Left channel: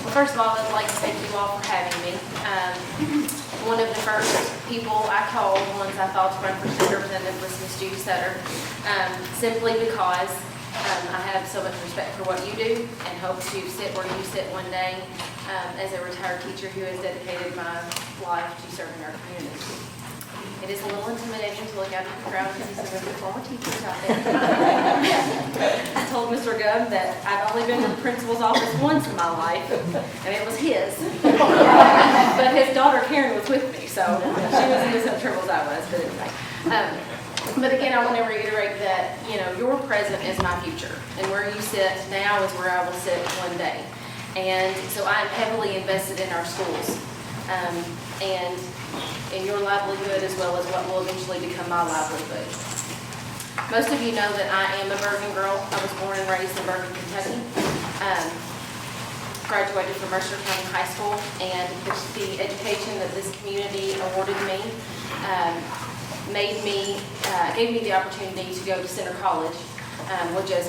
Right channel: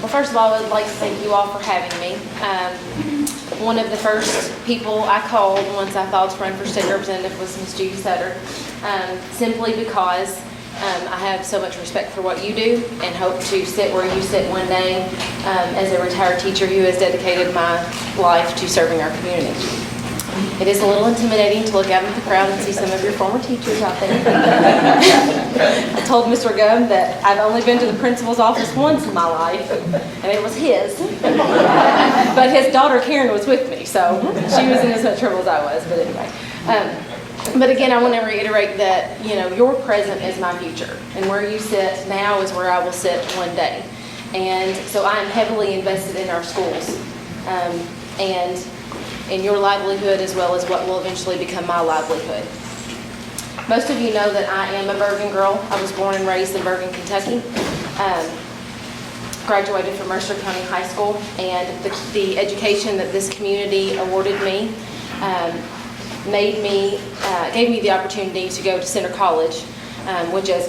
Well, first of all, I would like to thank you all for having me. One of the first people I called once I thought to run for state representative was Ms. Judy Sutter, simply because I have so much respect for what you do and hope to sit where you sit one day as a retired teacher who has dedicated my life to serving our community. It is a little intimidating to look out into the crowd and see some of your former teachers out there. I told Mr. Gum that I've only been to the principal's office once in my life, and it was his. But his daughter Karen was with me, so she was in as much trouble as I was, but anyway. But again, I want to reiterate that, your present is my future, and where you sit now is where I will sit one day. And so I am heavily invested in our schools, and in your livelihood as well as what will eventually become my livelihood. Most of you know that I am a Bergen girl. I was born and raised in Bergen, Kentucky. Graduated from Mercer County High School, and the education that this community awarded me gave me the opportunity to go to Center College, which as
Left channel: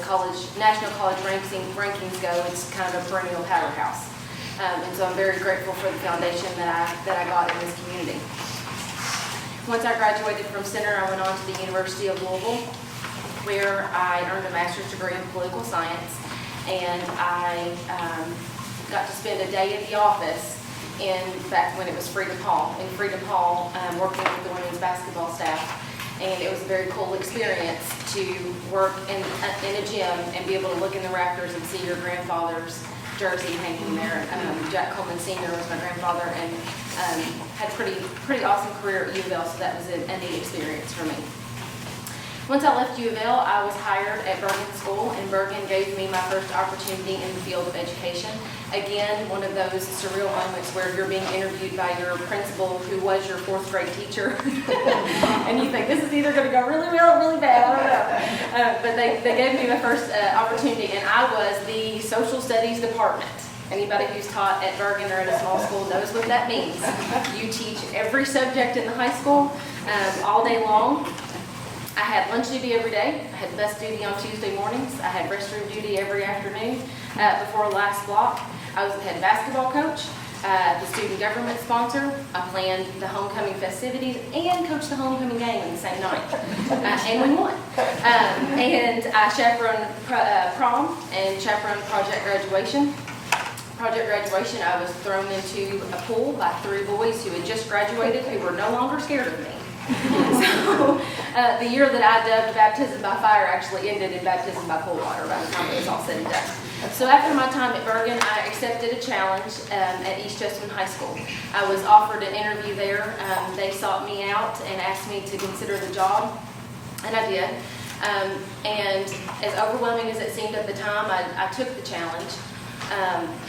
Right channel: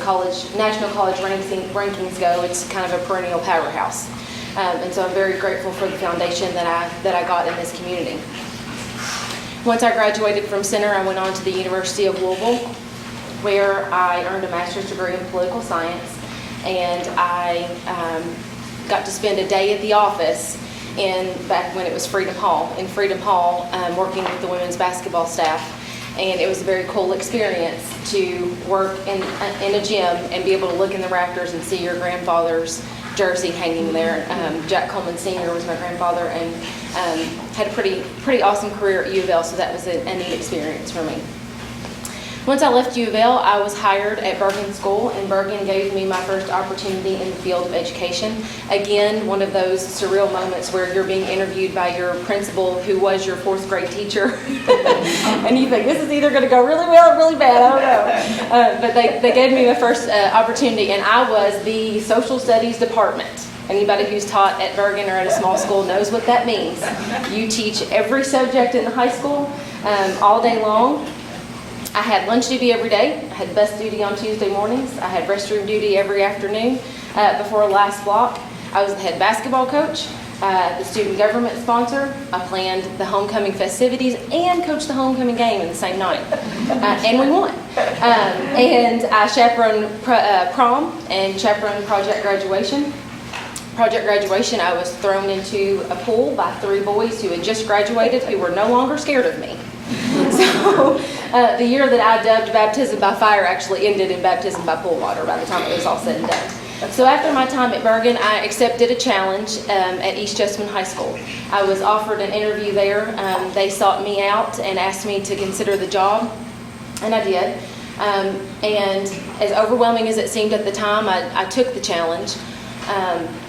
national college rankings go, it's kind of a perennial powerhouse. And so I'm very grateful for the foundation that I got in this community. Once I graduated from Center, I went on to the University of Louisville, where I earned a master's degree in political science, and I got to spend a day at the office back when it was Freedom Hall, working with the women's basketball staff. And it was a very cool experience to work in a gym and be able to look in the rafters and see your grandfather's jersey hanging there. Jack Coleman Sr. was my grandfather, and had a pretty awesome career at U of L, so that was a neat experience for me. Once I left U of L, I was hired at Bergen School, and Bergen gave me my first opportunity in the field of education. Again, one of those surreal moments where you're being interviewed by your principal, who was your fourth grade teacher, and you think, this is either going to go really well or really bad, I don't know. But they gave me my first opportunity, and I was the social studies department. Anybody who's taught at Bergen or at a small school knows what that means. You teach every subject in the high school all day long. I had lunch duty every day. I had bus duty on Tuesday mornings. I had restroom duty every afternoon before last block. I was the head basketball coach, the student government sponsor. I planned the homecoming festivities and coached the homecoming game in the same night. And we won. And I chaperoned prom and chaperoned project graduation. Project graduation, I was thrown into a pool by 3 boys who had just graduated who were no longer scared of me. So the year that I dubbed baptism by fire actually ended in baptism by pool water by the time it was all said and done. So after my time at Bergen, I accepted a challenge at East Jessamine High School. I was offered an interview there. They sought me out and asked me to consider the job, and I did. And as overwhelming as it seemed at the time, I took the challenge.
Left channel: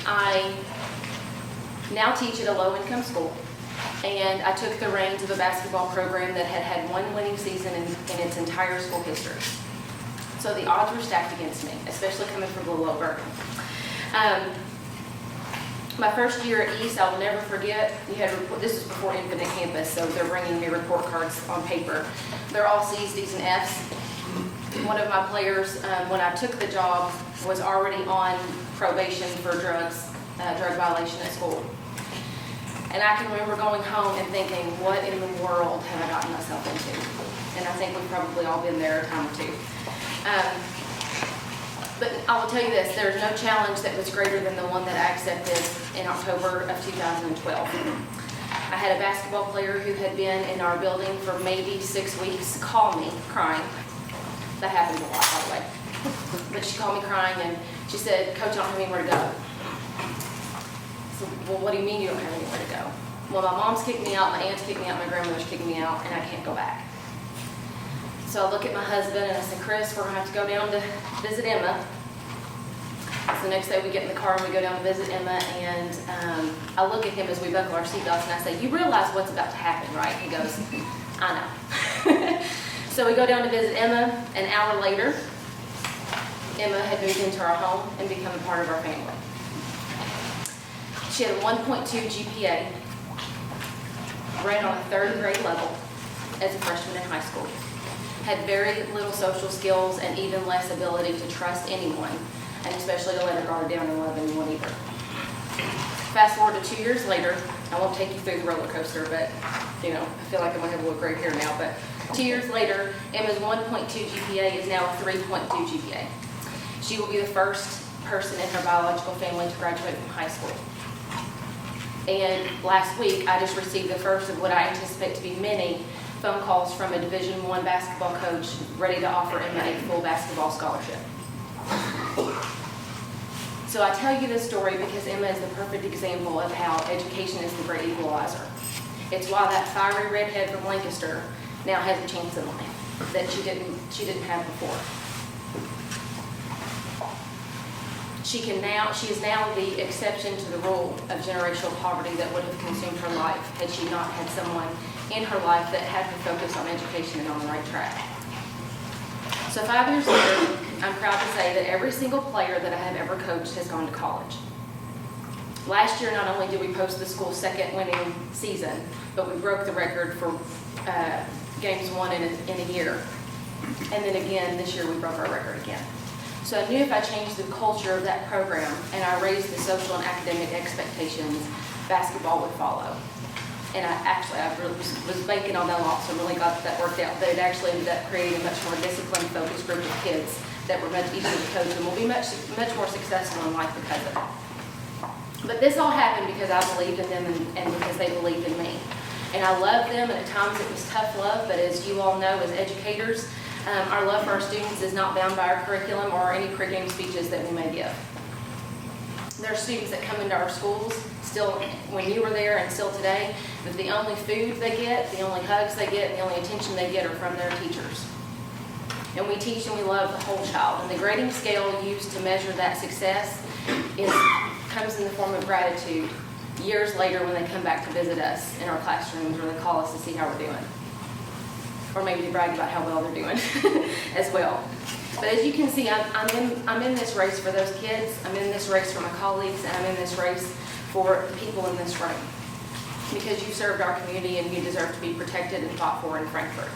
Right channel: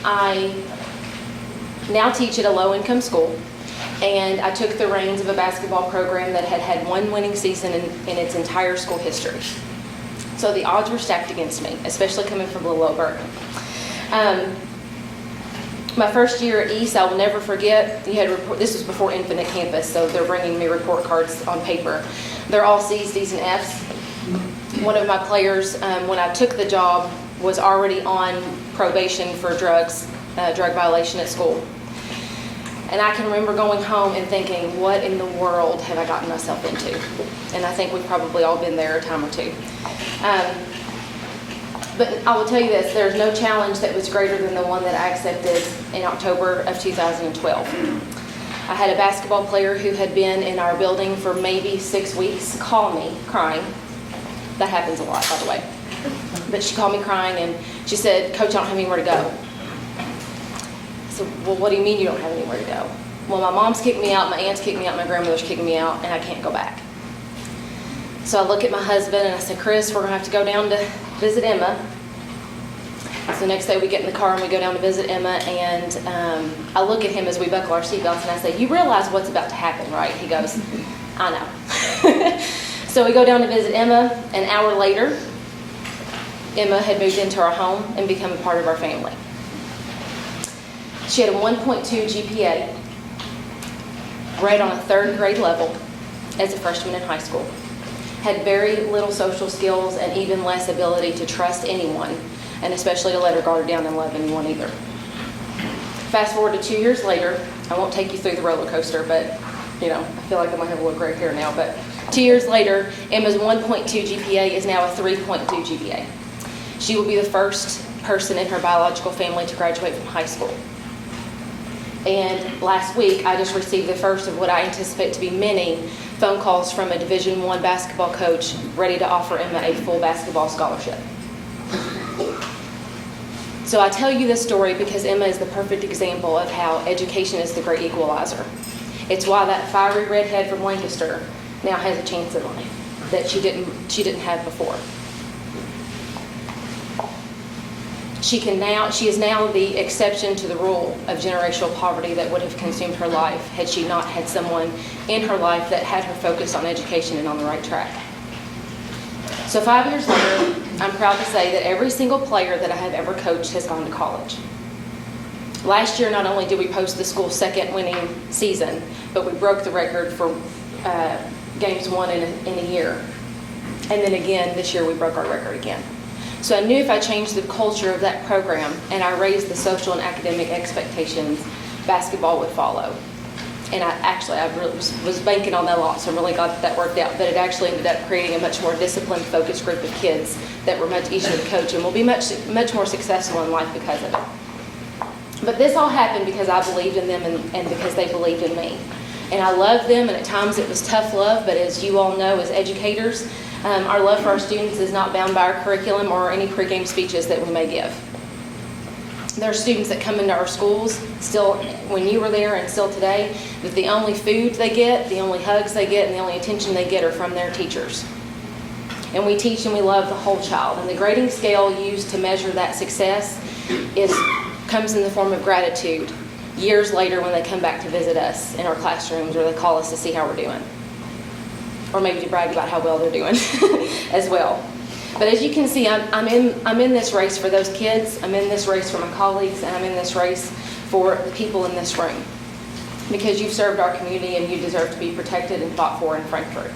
I now teach at a low-income school. And I took the reins of a basketball program that had had one winning season in its entire school history. So the odds were stacked against me, especially coming from little old Bergen. My first year at East, I will never forget, this was before Infinite Campus, so they're bringing me report cards on paper. They're all C's, D's, and F's. One of my players, when I took the job, was already on probation for drug violation at school. And I can remember going home and thinking, what in the world have I gotten myself into? And I think we've probably all been there a time or two. But I will tell you this, there's no challenge that was greater than the one that I accepted in October of 2012. I had a basketball player who had been in our building for maybe 6 weeks call me crying. That happens a lot, by the way. But she called me crying and she said, Coach, I don't have anywhere to go. I said, well, what do you mean you don't have anywhere to go? Well, my mom's kicked me out, my aunt's kicked me out, my grandmother's kicked me out, and I can't go back. So I look at my husband and I said, Chris, we're going to have to go down to visit Emma. So the next day we get in the car and we go down to visit Emma, and I look at him as we buckle our seatbelts and I say, you realize what's about to happen, right? He goes, I know. So we go down to visit Emma. An hour later, Emma had moved into our home and become a part of our family. She had a 1.2 GPA, read on a 3rd grade level as a freshman in high school, had very little social skills and even less ability to trust anyone, and especially to let her guard down and love anyone either. Fast forward to 2 years later, I won't take you through the roller coaster, but I feel like I'm gonna have a little gray hair now, but 2 years later, Emma's 1.2 GPA is now a 3.2 GPA. She will be the first person in her biological family to graduate from high school. And last week, I just received the first of what I anticipate to be many phone calls from a Division I basketball coach ready to offer Emma a full basketball scholarship. So I tell you this story because Emma is the perfect example of how education is the great equalizer. It's why that fiery redhead from Lancaster now has a chance in life that she didn't have before. She is now the exception to the rule of generational poverty that would have consumed her life had she not had someone in her life that had her focused on education and on the right track. So 5 years later, I'm proud to say that every single player that I have ever coached has gone to college. Last year, not only did we post the school's second winning season, but we broke the record for games won in a year. And then again, this year we broke our record again. So I knew if I changed the culture of that program and I raised the social and academic expectations, basketball would follow. And I really was banking on that a lot, so I really got that worked out. But it actually ended up creating a much more disciplined, focused group of kids that were much easier to coach and will be much more successful in life because of it. But this all happened because I believed in them and because they believed in me. And I loved them, and at times it was tough love, but as you all know as educators, our love for our students is not bound by our curriculum or any pregame speeches that we may give. There are students that come into our schools, still when you were there and still today, that the only food they get, the only hugs they get, and the only attention they get are from their teachers. And we teach and we love the whole child. And the grading scale used to measure that success comes in the form of gratitude years later when they come back to visit us in our classrooms or they call us to see how we're doing. Or maybe to brag about how well they're doing as well. But as you can see, I'm in this race for those kids, I'm in this race for my colleagues, and I'm in this race for the people in this room. Because you've served our community and you deserve to be protected and fought for in Frankfort.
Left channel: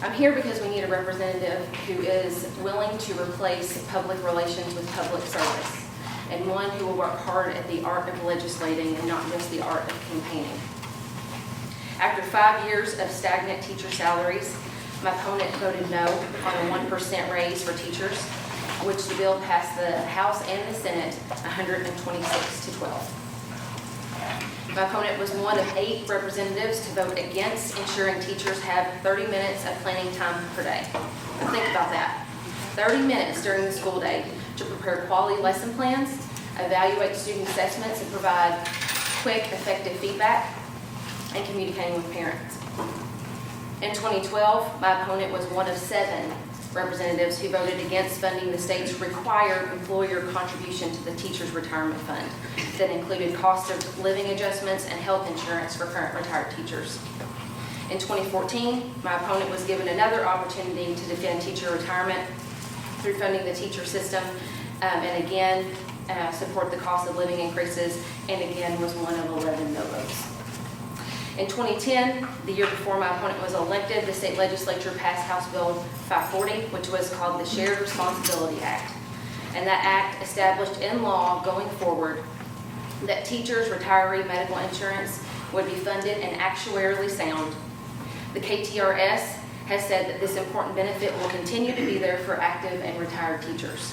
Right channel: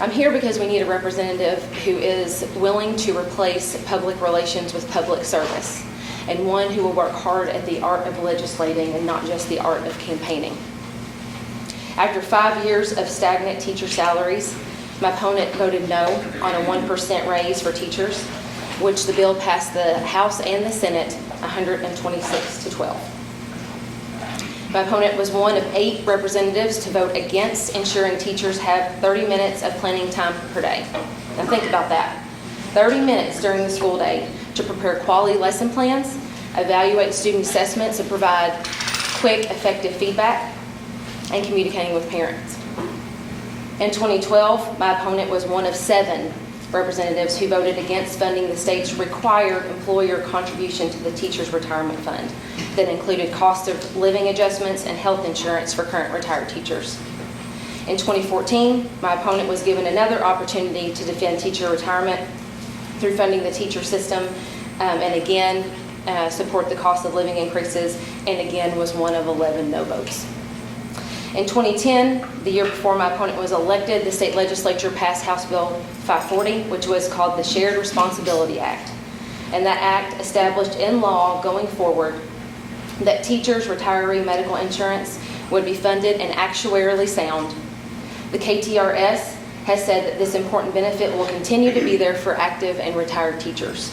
I'm here because we need a representative who is willing to replace public relations with public service, and one who will work hard at the art of legislating and not just the art of campaigning. After 5 years of stagnant teacher salaries, my opponent voted no on a 1% raise for teachers, which the bill passed the House and the Senate 126 to 12. My opponent was one of 8 representatives to vote against ensuring teachers have 30 minutes of planning time per day. Now think about that. 30 minutes during the school day to prepare quality lesson plans, evaluate student assessments, and provide quick, effective feedback, and communicating with parents. In 2012, my opponent was one of 7 representatives who voted against funding the state's required employer contribution to the teacher's retirement fund that included cost of living adjustments and health insurance for current retired teachers. In 2014, my opponent was given another opportunity to defend teacher retirement through funding the teacher system and again support the cost of living increases, and again was one of 11 no votes. In 2010, the year before my opponent was elected, the state legislature passed House Bill 540, which was called the Shared Responsibility Act. And that act established in law going forward that teachers' retiree medical insurance would be funded and actuarially sound. The KTRS has said that this important benefit will continue to be there for active and retired teachers.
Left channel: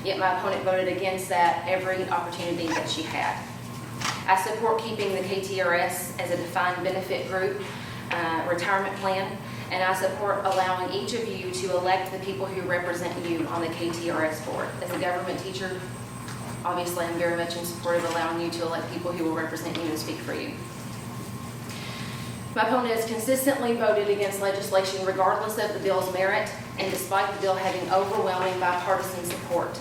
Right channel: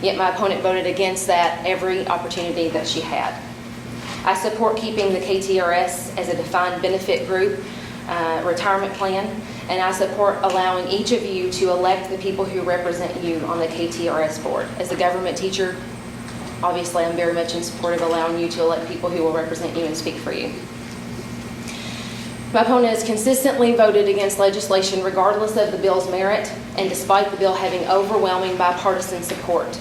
Yet my opponent voted against that every opportunity that she had. I support keeping the KTRS as a defined benefit group retirement plan, and I support allowing each of you to elect the people who represent you on the KTRS board. As a government teacher, obviously I'm very much in support of allowing you to elect people who will represent you and speak for you. My opponent has consistently voted against legislation regardless of the bill's merit and despite the bill having overwhelming bipartisan support.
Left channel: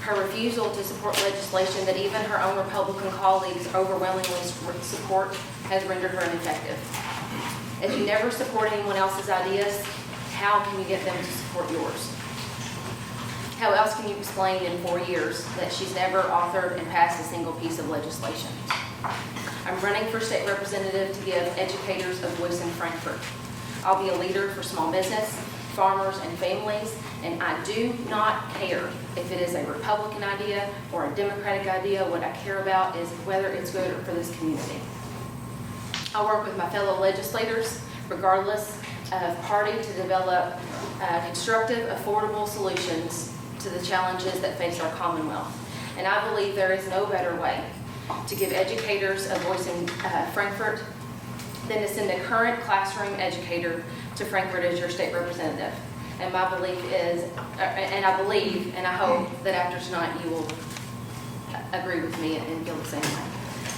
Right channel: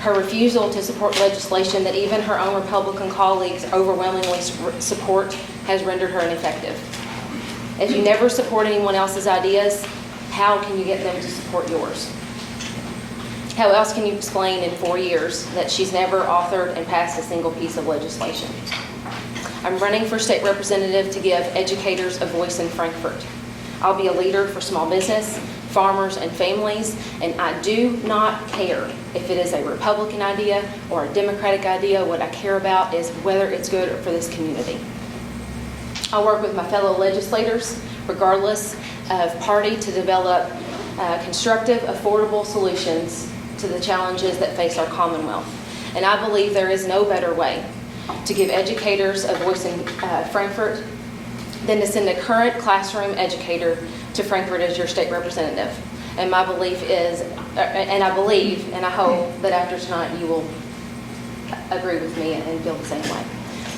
Her refusal to support legislation that even her own Republican colleagues overwhelmingly support has rendered her ineffective. If you never support anyone else's ideas, how can you get them to support yours? How else can you explain in 4 years that she's never authored and passed a single piece of legislation? I'm running for state representative to give educators a voice in Frankfort. I'll be a leader for small business, farmers, and families, and I do not care if it is a Republican idea or a Democratic idea. What I care about is whether it's good for this community. I work with my fellow legislators, regardless of party, to develop constructive, affordable solutions to the challenges that face our Commonwealth. And I believe there is no better way to give educators a voice in Frankfort than to send a current classroom educator to Frankfort as your state representative. And my belief is, and I believe, and I hope that after tonight you will agree with me and feel the same way.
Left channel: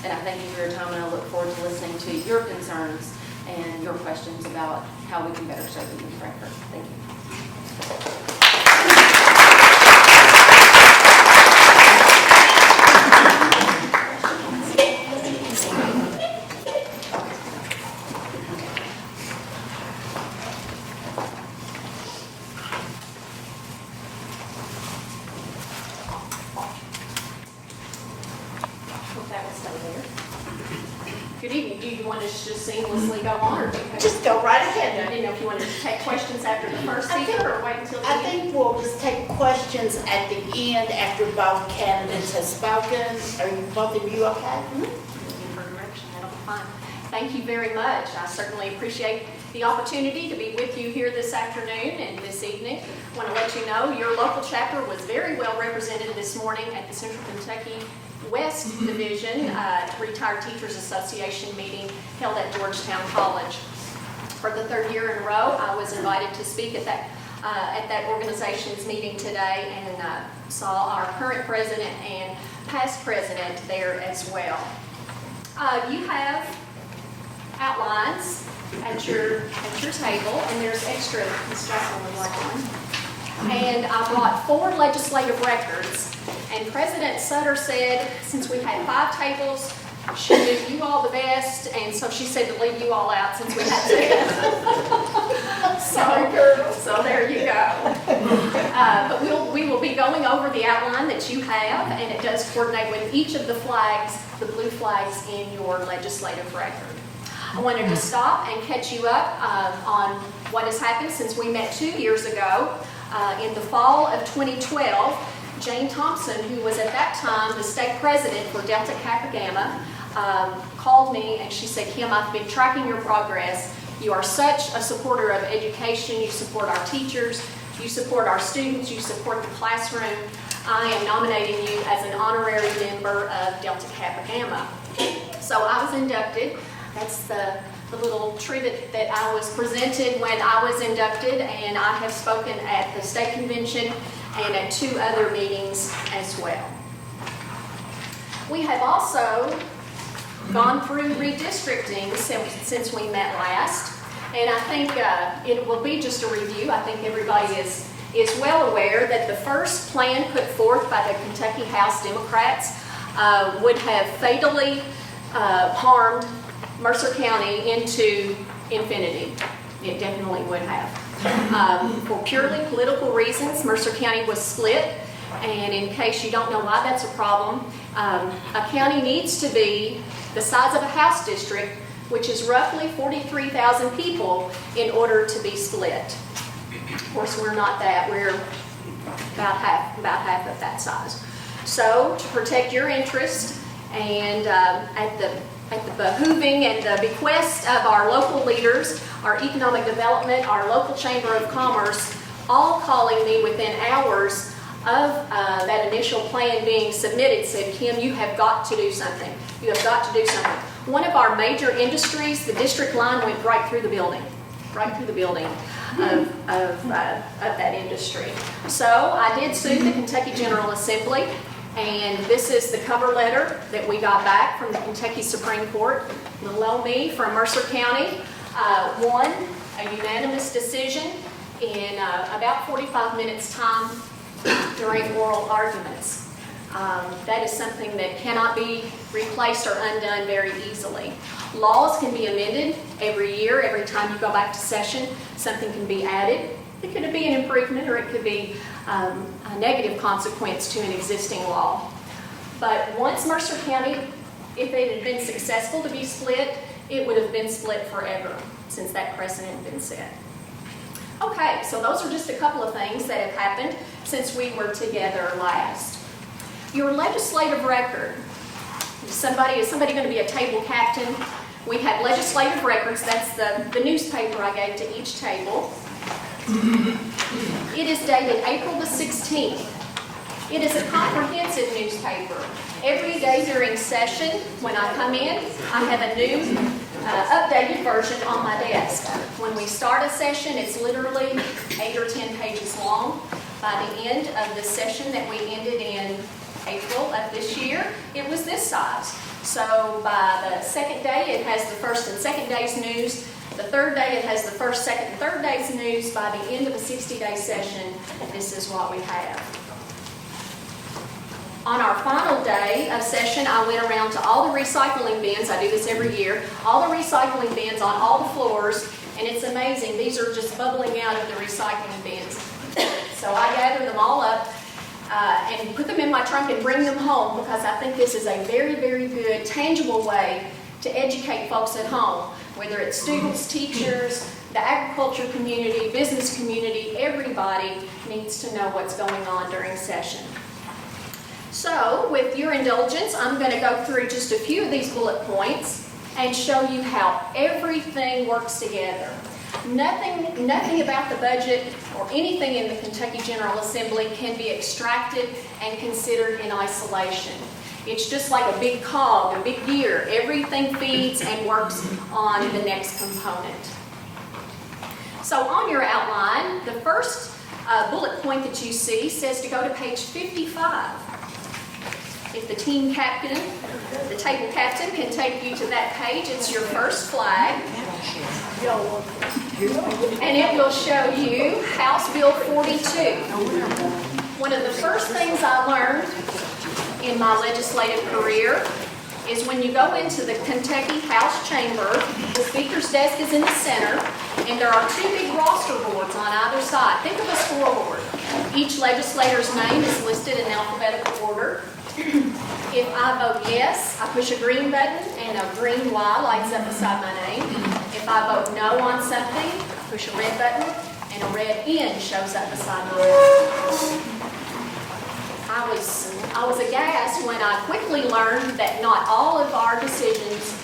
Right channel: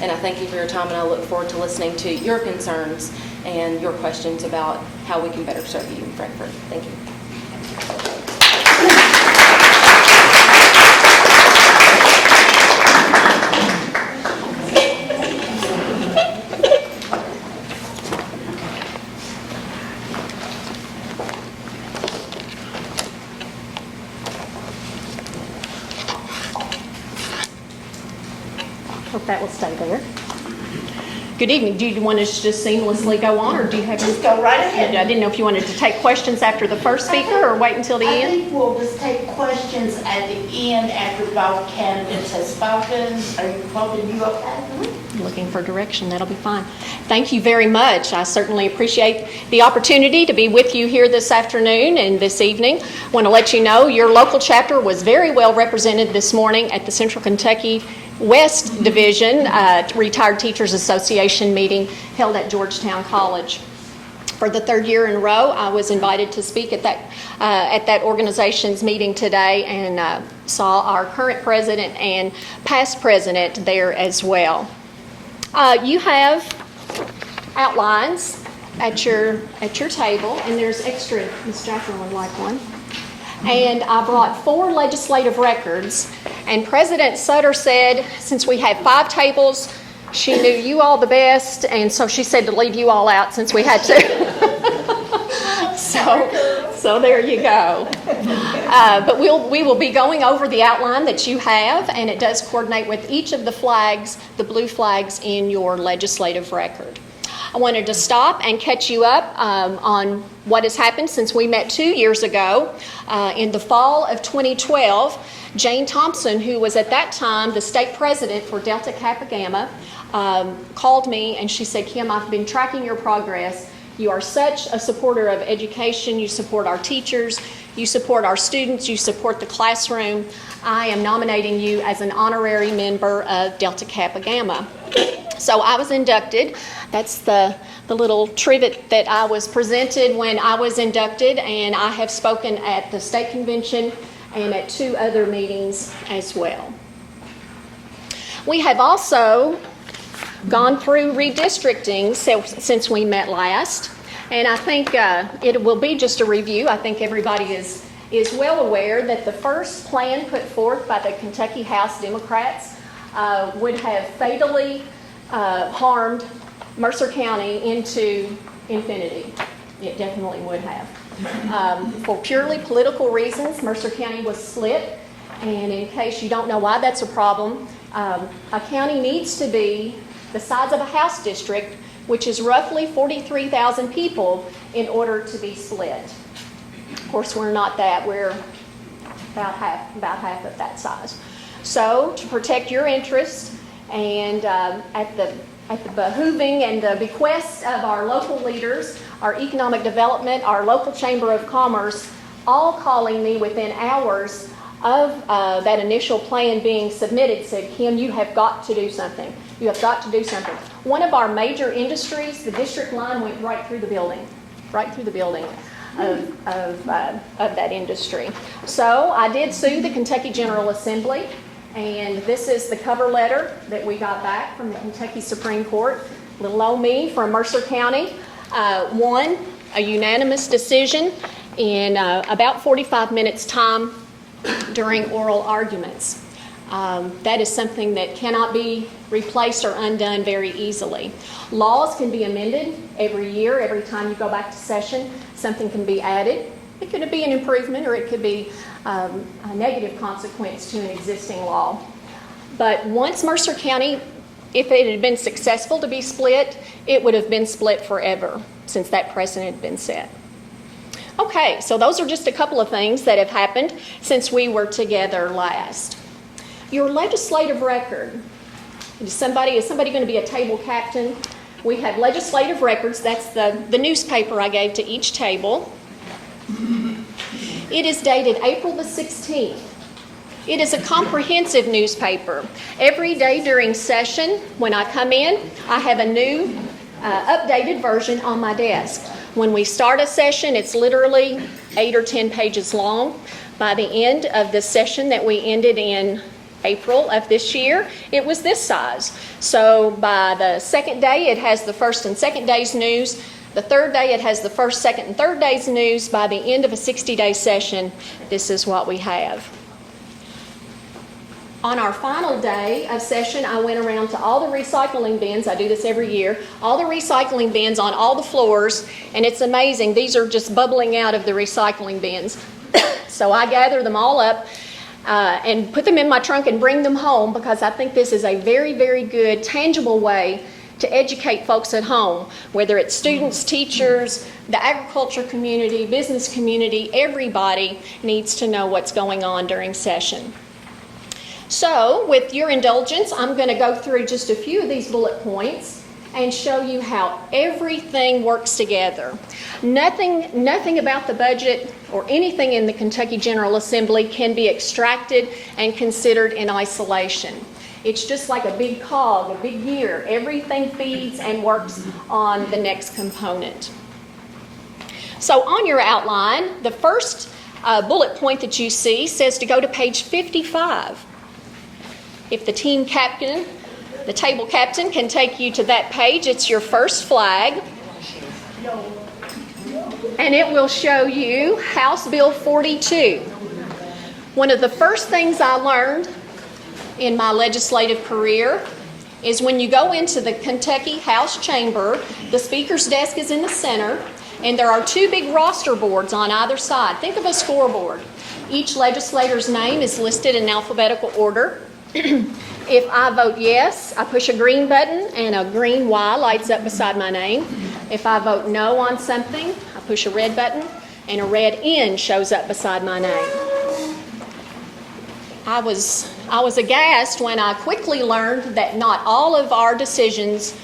And I thank you for your time, and I look forward to listening to your concerns and your questions about how we can better serve you in Frankfort. Thank you. Hope that will stay there. Good evening. Do you want us to just seamlessly go on, or do you have Just go right ahead. I didn't know if you wanted to take questions after the first speaker or wait until the I end. think we'll just take questions at the end after both candidates have spoken. Are both of you okay? I'm looking for direction. That'll be fine. Thank you very much. I certainly appreciate the opportunity to be with you here this afternoon and this evening. I want to let you know your local chapter was very well represented this morning at the Central Kentucky West Division Retired Teachers Association meeting held at Georgetown College. For the third year in a row, I was invited to speak at that organization's meeting today, and saw our current president and past president there as well. You have outlines at your table, and there's extra. Ms. Jocelyn would like one. And I brought 4 legislative records, and President Sutter said, since we had 5 tables, she knew you all the best, and so she said to leave you all out since we had 2. So there you go. But we will be going over the outline that you have, and it does coordinate with each of the flags, the blue flags in your legislative record. I wanted to stop and catch you up on what has happened since we met 2 years ago. In the fall of 2012, Jane Thompson, who was at that time the state president for Delta Kappa Gamma, called me and she said, "Kim, I've been tracking your progress. You are such a supporter of education. You support our teachers. You support our students. You support the classroom. I am nominating you as an honorary member of Delta Kappa Gamma." So I was inducted. That's the little trivet that I was presented when I was inducted, and I have spoken at the state convention and at 2 other meetings as well. We have also gone through redistricting since we met last, and I think it will be just a review. I think everybody is well aware that the first plan put forth by the Kentucky House Democrats would have fatally harmed Mercer County into infinity. It definitely would have. For purely political reasons, Mercer County was split, and in case you don't know why that's a problem, a county needs to be the size of a House district, which is roughly 43,000 people, in order to be split. Of course, we're not that. We're about half of that size. So, to protect your interest and at the behooving and the bequest of our local leaders, our economic development, our local chamber of commerce, all calling me within hours of that initial plan being submitted, said, "Kim, you have got to do something. You have got to do something." One of our major industries, the district line went right through the building of that industry. So I did sue the Kentucky General Assembly. And this is the cover letter that we got back from the Kentucky Supreme Court. Little old me from Mercer County won a unanimous decision in about 45 minutes time during oral arguments. That is something that cannot be replaced or undone very easily. Laws can be amended every year. Every time you go back to session, something can be added. It could be an improvement, or it could be a negative consequence to an existing law. But once Mercer County, if it had been successful to be split, it would have been split forever, since that precedent had been set. Okay, so those are just a couple of things that have happened since we were together last. Your legislative record. Is somebody going to be a table captain? We have legislative records. That's the newspaper I gave to each table. It is dated April the 16th. It is a comprehensive newspaper. Every day during session, when I come in, I have a new updated version on my desk. When we start a session, it's literally 8 or 10 pages long. By the end of the session that we ended in April of this year, it was this size. So by the second day, it has the first and second day's news. The third day, it has the first, second, and third day's news. By the end of a 60-day session, this is what we have. On our final day of session, I went around to all the recycling bins. I do this every year. All the recycling bins on all the floors, and it's amazing. These are just bubbling out of the recycling bins. So I gather them all up and put them in my trunk and bring them home, because I think this is a very, very good, tangible way to educate folks at home, whether it's students, teachers, the agriculture community, business community. Everybody needs to know what's going on during session. So, with your indulgence, I'm going to go through just a few of these bullet points and show you how everything works together. Nothing about the budget or anything in the Kentucky General Assembly can be extracted and considered in isolation. It's just like a big cog, a big gear. Everything feeds and works on the next component. So on your outline, the first bullet point that you see says to go to page 55. If the team captain, the table captain, can take you to that page, it's your first flag. And it will show you House Bill 42. One of the first things I learned in my legislative career is when you go into the Kentucky House chamber, the speaker's desk is in the center, and there are two big roster boards on either side. Think of a scoreboard. Each legislator's name is listed in alphabetical order. If I vote yes, I push a green button and a green Y lights up beside my name. If I vote no on something, I push a red button and a red N shows up beside my name. I was aghast when I quickly learned that not all of our decisions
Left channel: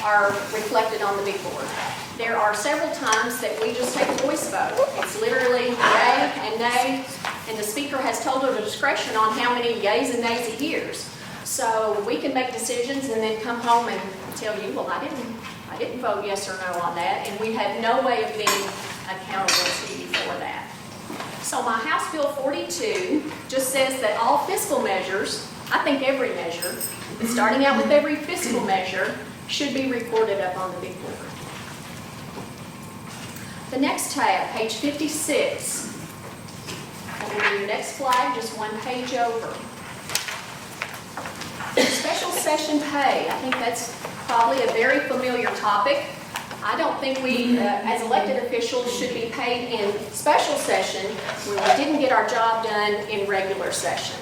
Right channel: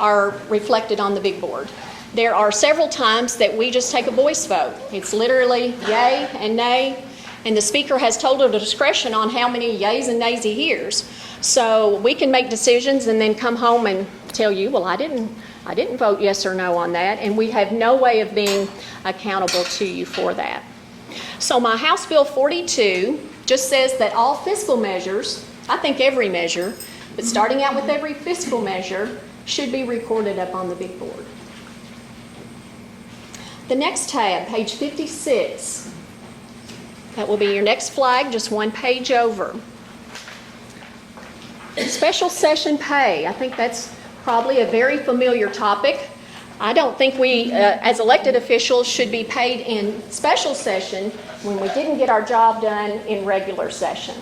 are reflected on the big board. There are several times that we just take a voice vote. It's literally yay and nay, and the speaker has total discretion on how many yays and nays he hears. So we can make decisions and then come home and tell you, well, I didn't vote yes or no on that, and we have no way of being accountable to you for that. So my House Bill 42 just says that all fiscal measures, I think every measure, but starting out with every fiscal measure, should be recorded up on the big board. The next tab, page 56, that will be your next flag, just one page over. Special session pay. I think that's probably a very familiar topic. I don't think we, as elected officials, should be paid in special session when we didn't get our job done in regular session.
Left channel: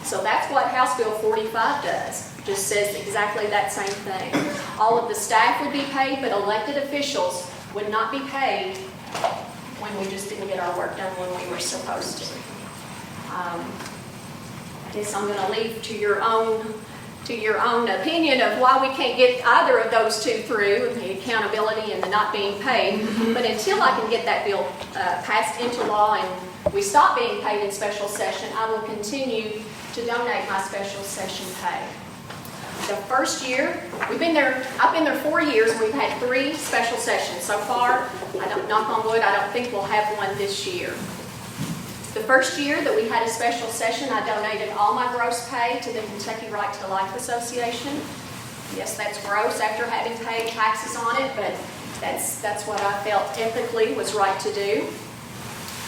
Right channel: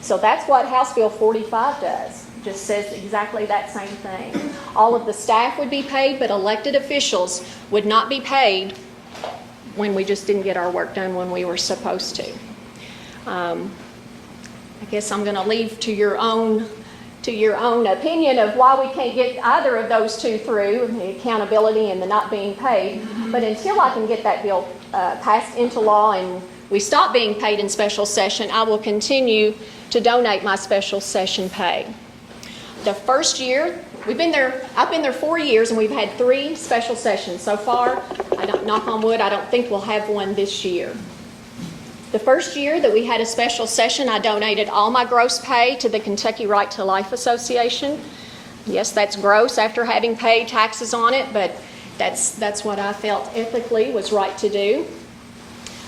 So that's what House Bill 45 does. It just says exactly that same thing. All of the staff would be paid, but elected officials would not be paid when we just didn't get our work done when we were supposed to. I guess I'm going to leave to your own opinion of why we can't get either of those two through, the accountability and the not being paid. But until I can get that bill passed into law and we stop being paid in special session, I will continue to donate my special session pay. The first year, I've been there 4 years, and we've had 3 special sessions. So far, knock on wood, I don't think we'll have one this year. The first year that we had a special session, I donated all my gross pay to the Kentucky Right to Life Association. Yes, that's gross after having paid taxes on it, but that's what I felt ethically was right to do.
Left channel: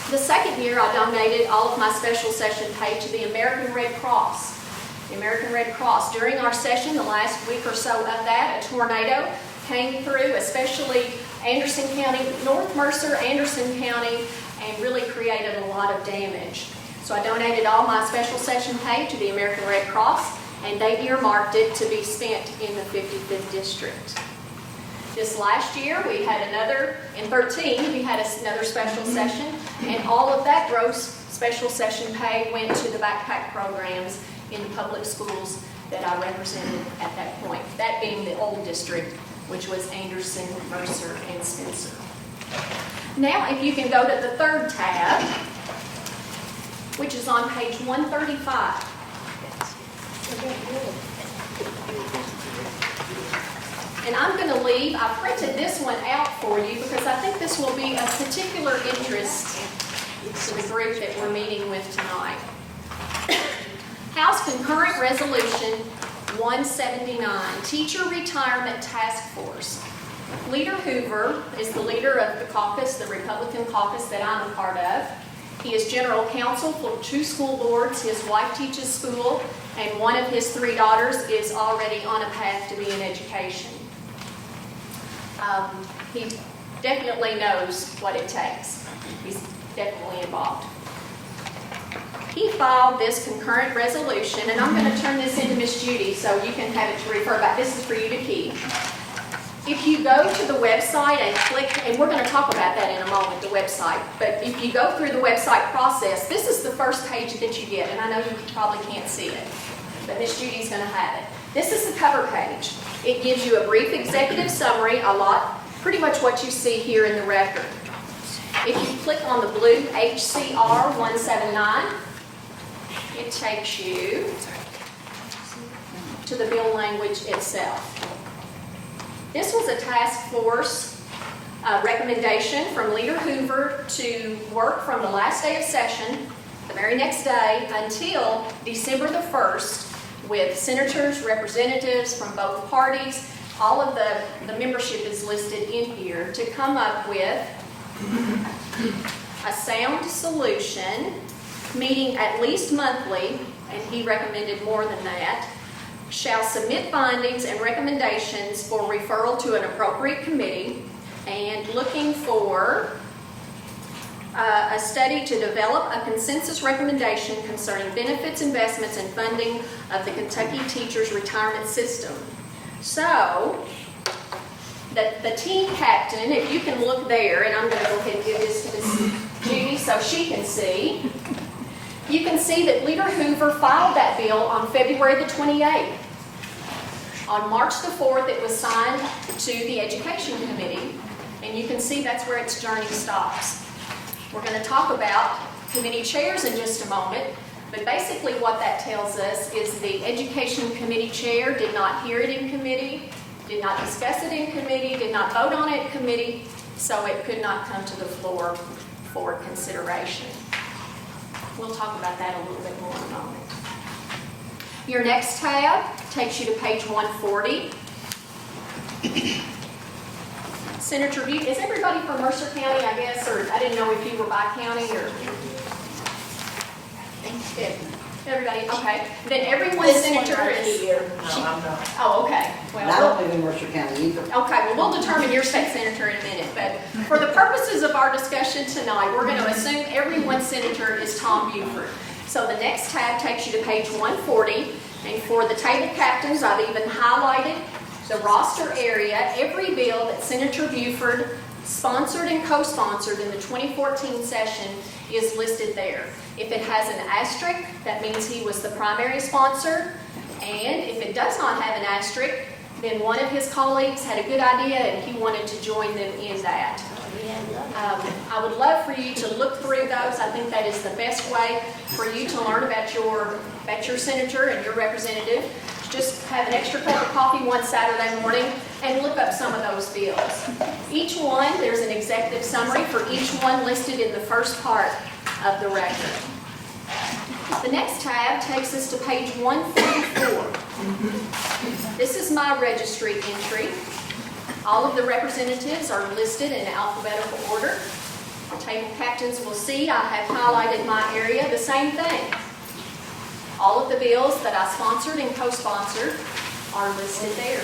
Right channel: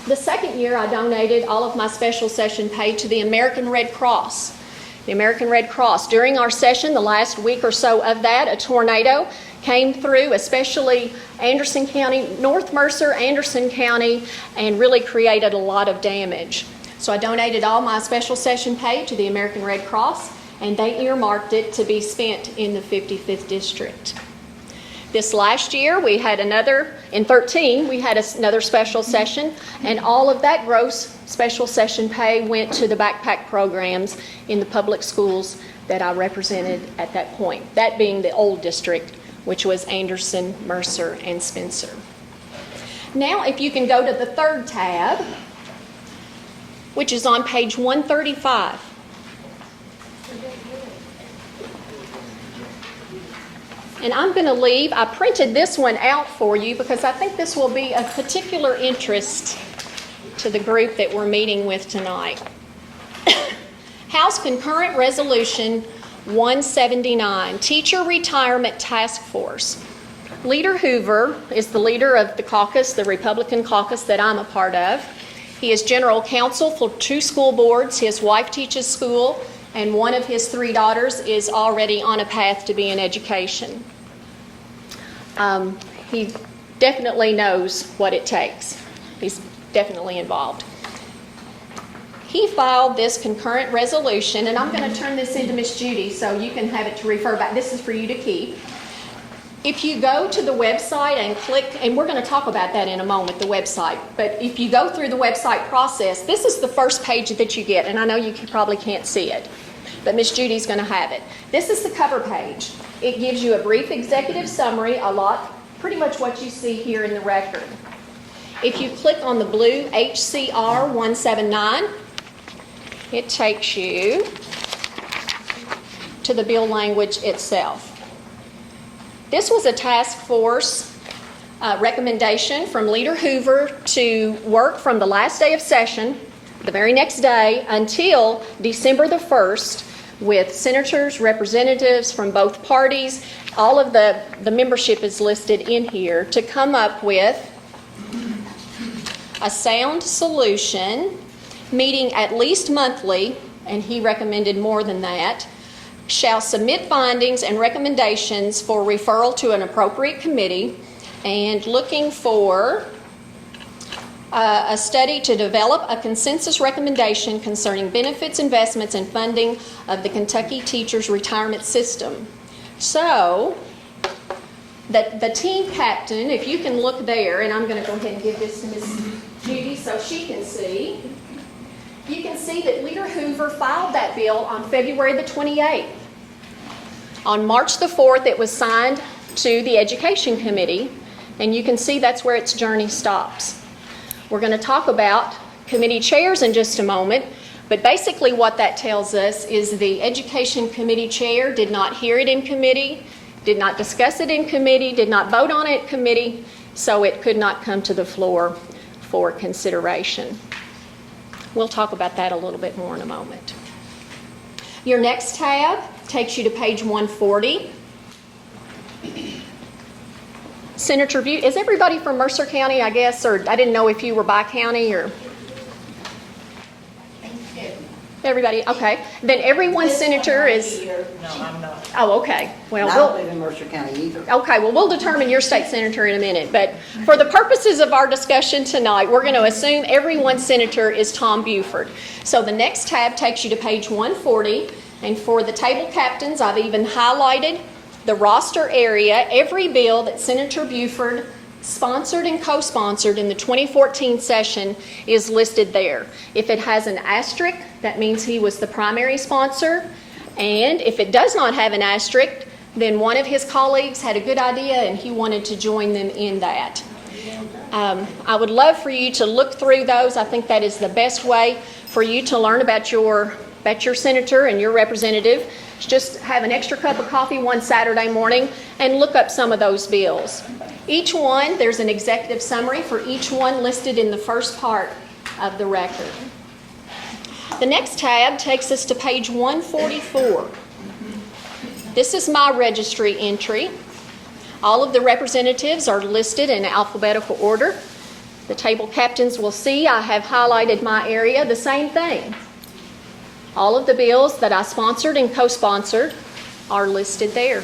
The second year, I donated all of my special session pay to the American Red Cross. The American Red Cross. During our session, the last week or so of that, a tornado came through, especially Anderson County, North Mercer, Anderson County, and really created a lot of damage. So I donated all my special session pay to the American Red Cross, and they earmarked it to be spent in the 55th District. This last year, we had another, in 13, we had another special session, and all of that gross special session pay went to the backpack programs in the public schools that I represented at that point. That being the old district, which was Anderson, Mercer, and Spencer. Now, if you can go to the third tab, which is on page 135. And I'm going to leave, I printed this one out for you because I think this will be of particular interest to the group that we're meeting with tonight. House Concurrent Resolution 179, Teacher Retirement Task Force. Leader Hoover is the leader of the caucus, the Republican caucus that I'm a part of. He is general counsel for 2 school boards. His wife teaches school, and one of his 3 daughters is already on a path to be in education. He definitely knows what it takes. He's definitely involved. He filed this concurrent resolution, and I'm going to turn this into Miss Judy so you can have it to refer back. This is for you to keep. If you go to the website and click, and we're going to talk about that in a moment, the website, but if you go through the website process, this is the first page that you get, and I know you probably can't see it, but Miss Judy's going to have it. This is the cover page. It gives you a brief executive summary, pretty much what you see here in the record. If you click on the blue HCR 179, it takes you to the bill language itself. This was a task force recommendation from Leader Hoover to work from the last day of session, the very next day, until December the 1st, with senators, representatives from both parties. All of the membership is listed in here to come up with a sound solution, meeting at least monthly, and he recommended more than that, shall submit findings and recommendations for referral to an appropriate committee, and looking for a study to develop a consensus recommendation concerning benefits, investments, and funding of the Kentucky Teachers Retirement System. So, the team captain, if you can look there, and I'm going to go ahead and give this to Ms. Judy so she can see. You can see that Leader Hoover filed that bill on February the 28th. On March the 4th, it was signed to the Education Committee, and you can see that's where its journey stops. We're going to talk about committee chairs in just a moment, but basically what that tells us is the Education Committee chair did not hear it in committee, did not discuss it in committee, did not vote on it in committee, so it could not come to the floor for consideration. We'll talk about that a little bit more in a moment. Your next tab takes you to page 140. Senator Butte, is everybody from Mercer County, I guess, or I didn't know if you were by county or? Everybody, okay. Then every one senator is. No, I'm not. Oh, okay. Well, I don't live in Mercer County either. okay, well, we'll determine your state senator in a minute, but for the purposes of our discussion tonight, we're going to assume every one senator is Tom Buford. So the next tab takes you to page 140, and for the table captains, I've even highlighted the roster area. Every bill that Senator Buford sponsored and co-sponsored in the 2014 session is listed there. If it has an asterisk, that means he was the primary sponsor, and if it does not have an asterisk, then one of his colleagues had a good idea and he wanted to join them in that. I would love for you to look through those. I think that is the best way for you to learn about your senator and your representative. Just have an extra cup of coffee one Saturday morning and look up some of those bills. Each one, there's an executive summary for each one listed in the first part of the record. The next tab takes us to page 144. This is my registry entry. All of the representatives are listed in alphabetical order. The table captains will see I have highlighted my area, the same thing. All of the bills that I sponsored and co-sponsored are listed there.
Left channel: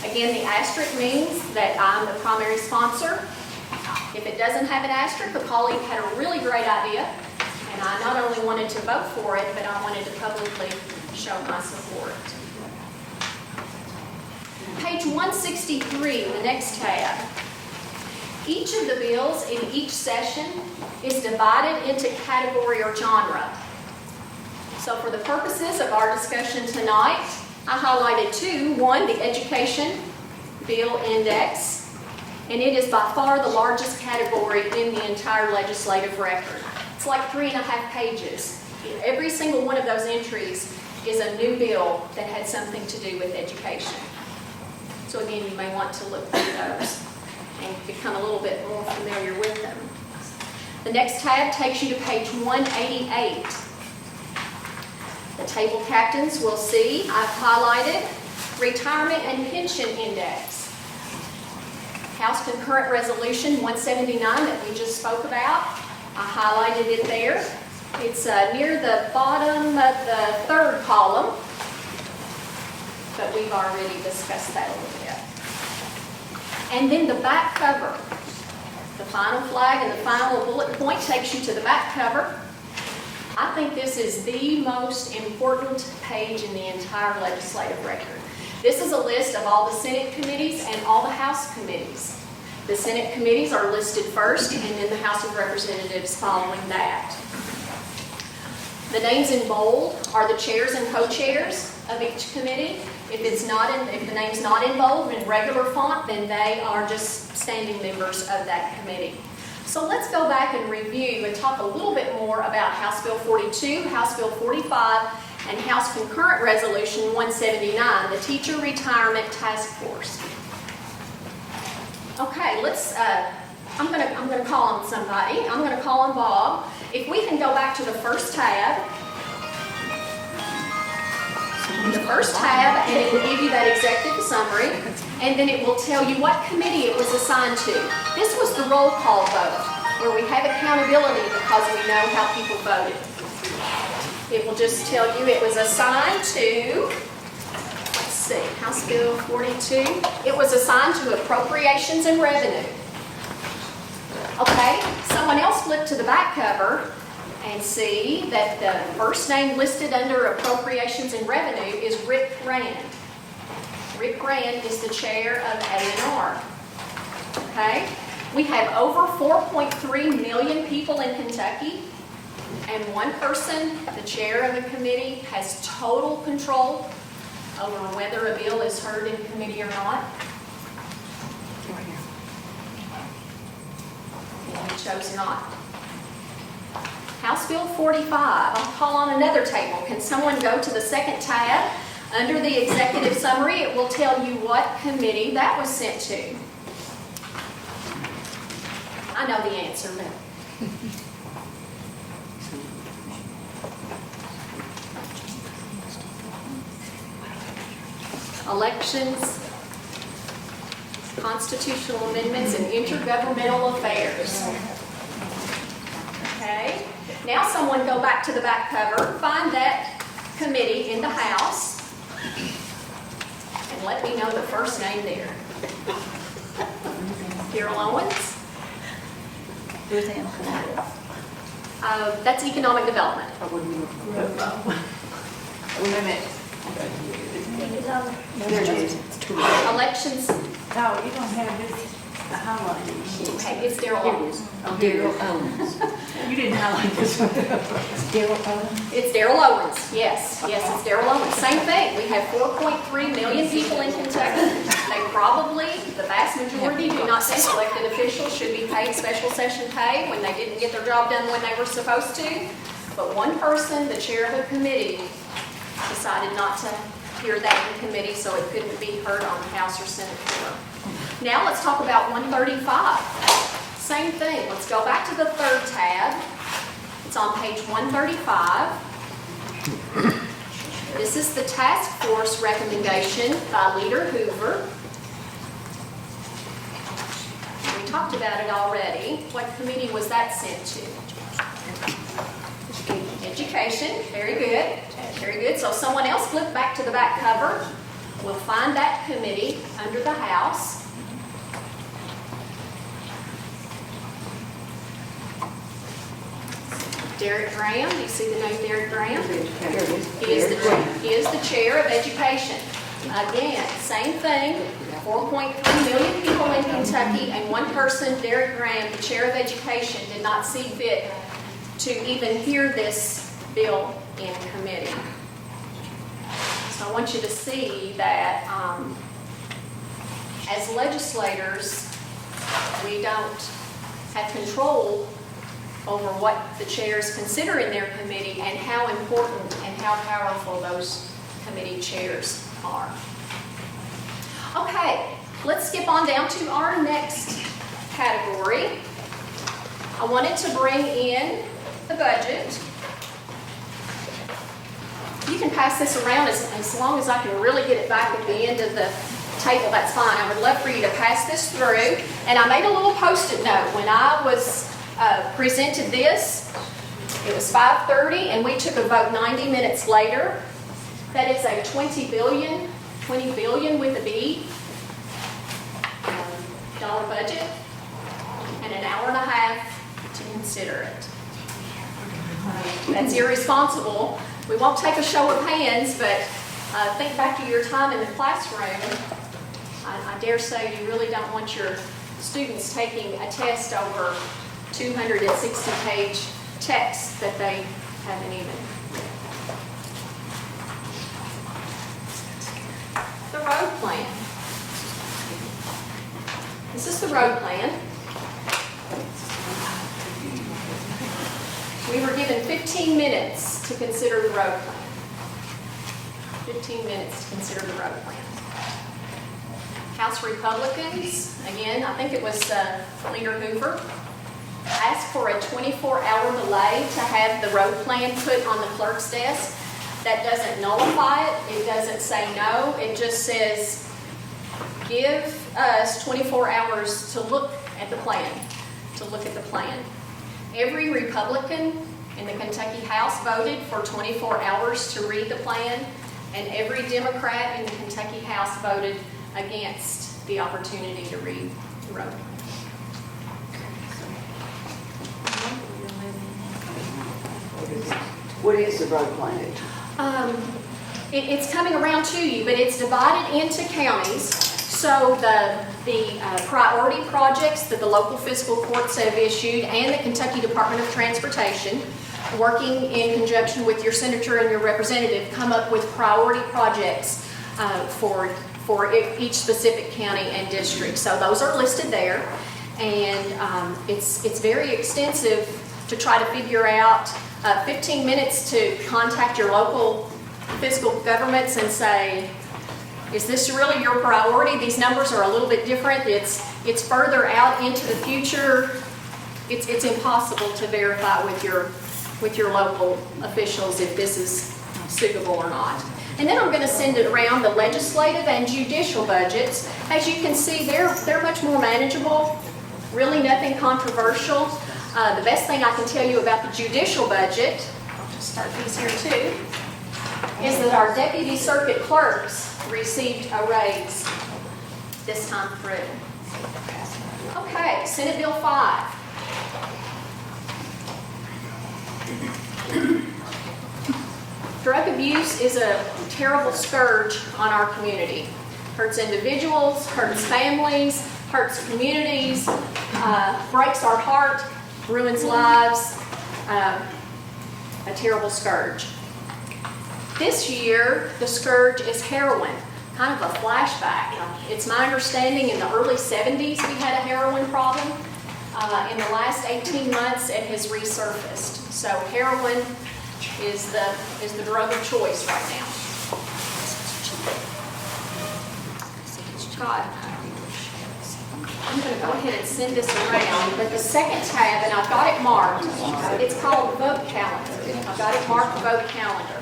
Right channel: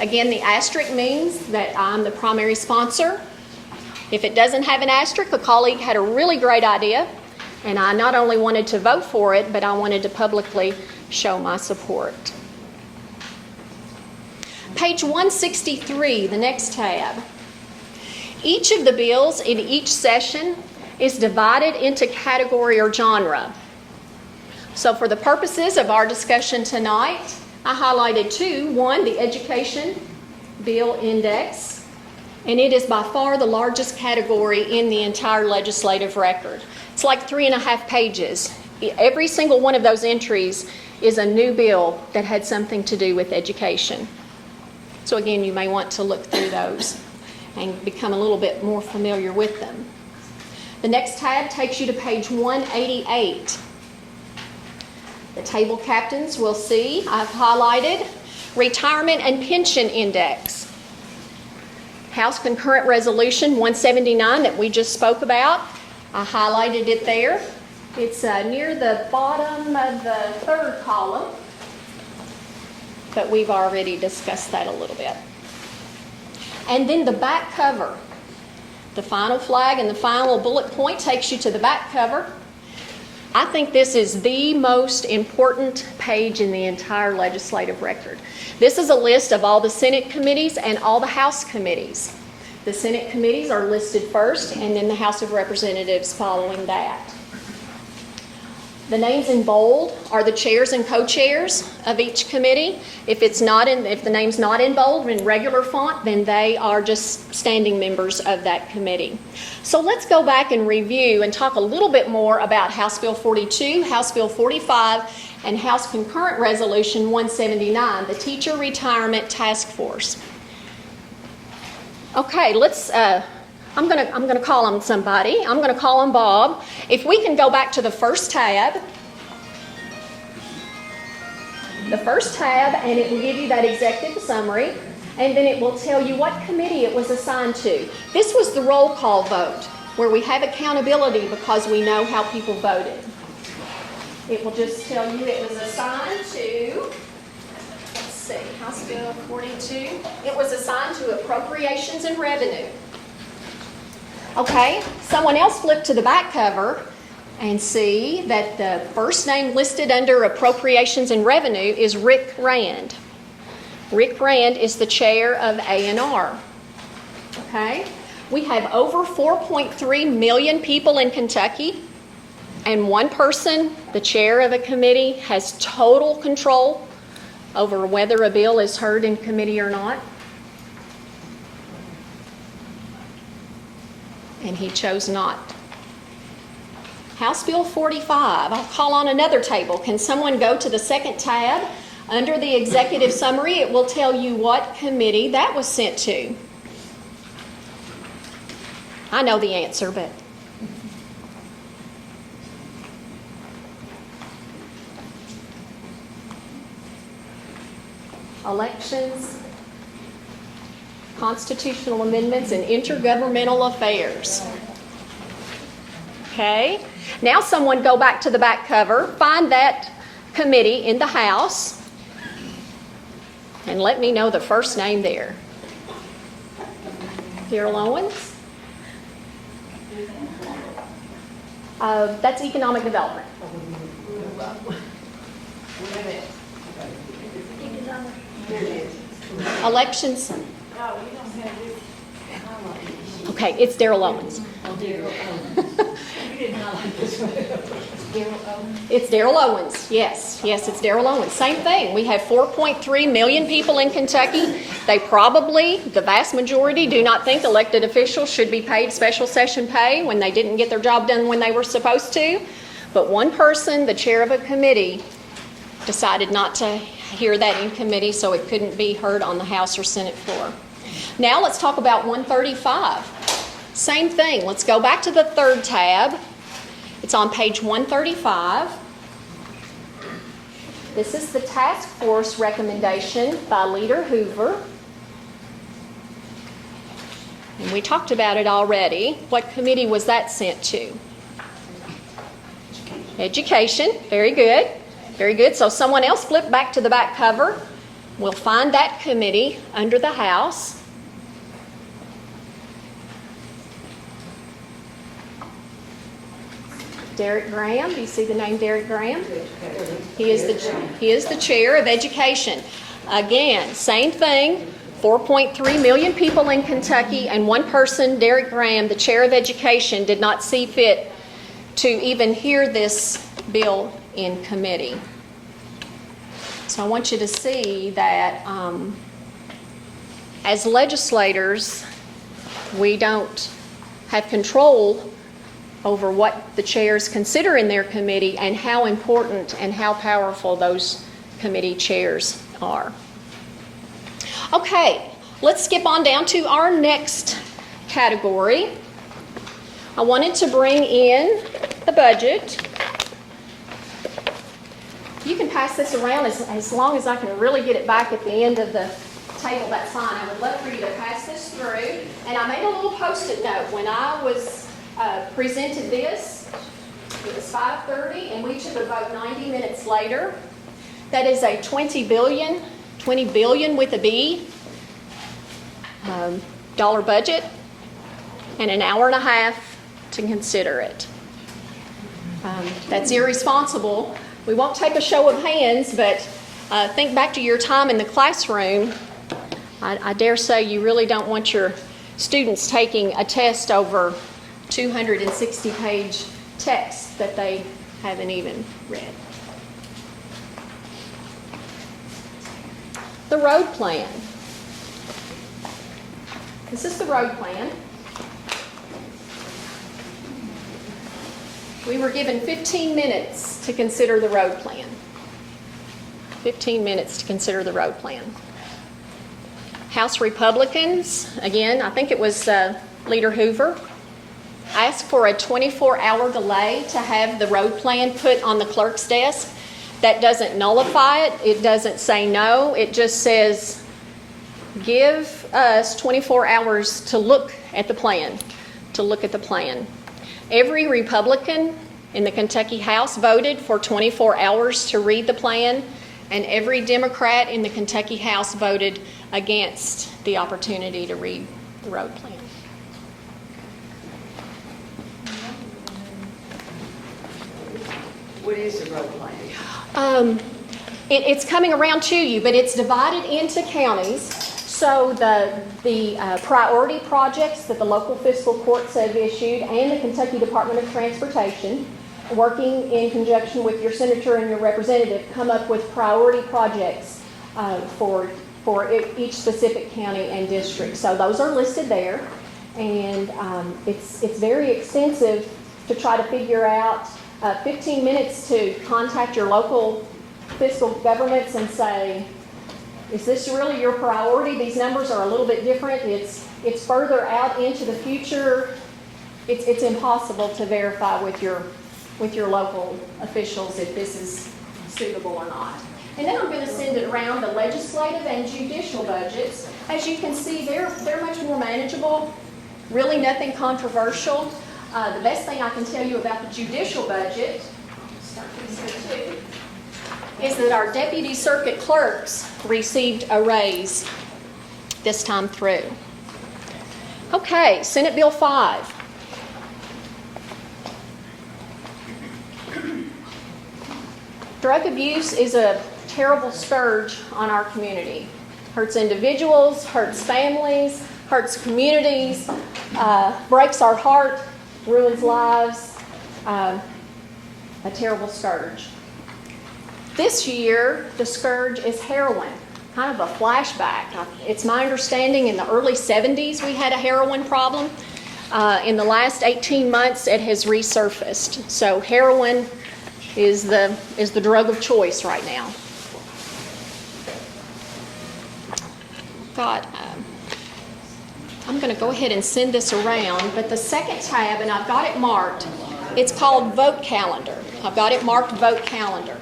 Again, the asterisk means that I'm the primary sponsor. If it doesn't have an asterisk, a colleague had a really great idea, and I not only wanted to vote for it, but I wanted to publicly show my support. Page 163, the next tab. Each of the bills in each session is divided into category or genre. So for the purposes of our discussion tonight, I highlighted two. One, the Education Bill Index, and it is by far the largest category in the entire legislative record. It's like 3.5 pages. Every single one of those entries is a new bill that had something to do with education. So again, you may want to look through those and become a little bit more familiar with them. The next tab takes you to page 188. The table captains will see I've highlighted Retirement and Pension Index. House Concurrent Resolution 179 that we just spoke about, I highlighted it there. It's near the bottom of the third column, but we've already discussed that a little bit. And then the back cover. The final flag and the final bullet point takes you to the back cover. I think this is the most important page in the entire legislative record. This is a list of all the Senate committees and all the House committees. The Senate committees are listed first, and then the House of Representatives following that. The names in bold are the chairs and co-chairs of each committee. If the name's not in bold, in regular font, then they are just standing members of that committee. So let's go back and review and talk a little bit more about House Bill 42, House Bill 45, and House Concurrent Resolution 179, the Teacher Retirement Task Force. Okay, I'm gonna call on somebody. I'm gonna call on Bob. If we can go back to the first tab. The first tab, and it will give you that executive summary, and then it will tell you what committee it was assigned to. This was the roll call vote, where we have accountability because we know how people voted. It will just tell you it was assigned to, let's see, House Bill 42. It was assigned to Appropriations and Revenue. Okay, someone else flip to the back cover and see that the first name listed under Appropriations and Revenue is Rick Rand. Rick Rand is the chair of A&R. Okay, we have over 4.3 million people in Kentucky, and one person, the chair of a committee, has total control over whether a bill is heard in committee or not. And he chose not. House Bill 45, I'll call on another table. Can someone go to the second tab? Under the executive summary, it will tell you what committee that was sent to. I know the answer, but... Elections, Constitutional Amendments, and Intergovernmental Affairs. Okay, now someone go back to the back cover, find that committee in the House, and let me know the first name there. Darrell Owens? That's Economic Development. Elections. No, you don't have this highlighted sheet. Okay, it's Darrell Owens. Oh, Darrell Owens. You didn't highlight this one. Darrell Owens? It's Darrell Owens, yes, it's Darrell Owens. Same thing, we have 4.3 million people in Kentucky. They probably, the vast majority, do not think elected officials should be paid special session pay when they didn't get their job done when they were supposed to. But one person, the chair of a committee, decided not to hear that in committee, so it couldn't be heard on the House or Senate floor. Now let's talk about 135. Same thing, let's go back to the third tab. It's on page 135. This is the task force recommendation by Leader Hoover. And we talked about it already. What committee was that sent to? Education, very good. Very good. So someone else flip back to the back cover. We'll find that committee under the House. Derek Graham. You see the name Derek Graham? He is the chair of Education. Again, same thing, 4.3 million people in Kentucky, and one person, Derek Graham, the chair of education, did not see fit to even hear this bill in committee. So I want you to see that as legislators, we don't have control over what the chairs consider in their committee and how important and how powerful those committee chairs are. Okay, let's skip on down to our next category. I wanted to bring in the budget. You can pass this around as long as I can really get it back at the end of the table, that's fine. I would love for you to pass this through. And I made a little Post-it note. When I was presented this, it was 5:30, and we took a vote 90 minutes later. That is a $20 billion with a B, dollar budget, and an hour and a half to consider it. That's irresponsible. We won't take a show of hands, but think back to your time in the classroom. I dare say you really don't want your students taking a test over 260-page text that they haven't even read. The road plan. This is the road plan. We were given 15 minutes to consider the road plan. 15 minutes to consider the road plan. House Republicans, again, I think it was Leader Hoover, asked for a 24-hour delay to have the road plan put on the clerk's desk. That doesn't nullify it. It doesn't say no. It just says, give us 24 hours to look at the plan, Every Republican in the Kentucky House voted for 24 hours to read the plan, and every Democrat in the Kentucky House voted against the opportunity to read the road plan. What is the road plan? It's coming around to you, but it's divided into counties. So the priority projects that the local fiscal courts have issued and the Kentucky Department of Transportation, working in conjunction with your senator and your representative, come up with priority projects for each specific county and district. So those are listed there, and it's very extensive to try to figure out. 15 minutes to contact your local fiscal governments and say, is this really your priority? These numbers are a little bit different. It's further out into the future. It's impossible to verify with your local officials if this is suitable or not. And then I'm going to send it around the legislative and judicial budgets. As you can see, they're much more manageable. Really nothing controversial. The best thing I can tell you about the judicial budget, I'll just start these here too, is that our deputy circuit clerks received a raise this time through. Okay, Senate Bill 5. Drug abuse is a terrible scourge on our community. Hurts individuals, hurts families, hurts communities, breaks our heart, ruins lives, a terrible scourge. This year, the scourge is heroin, kind of a flashback. It's my understanding in the early 70s we had a heroin problem. In the last 18 months, it has resurfaced. So heroin is the drug of choice right now. God. I'm going to go ahead and send this around, but the second tab, and I've got it marked, it's called Vote Calendar. I've got it marked Vote Calendar.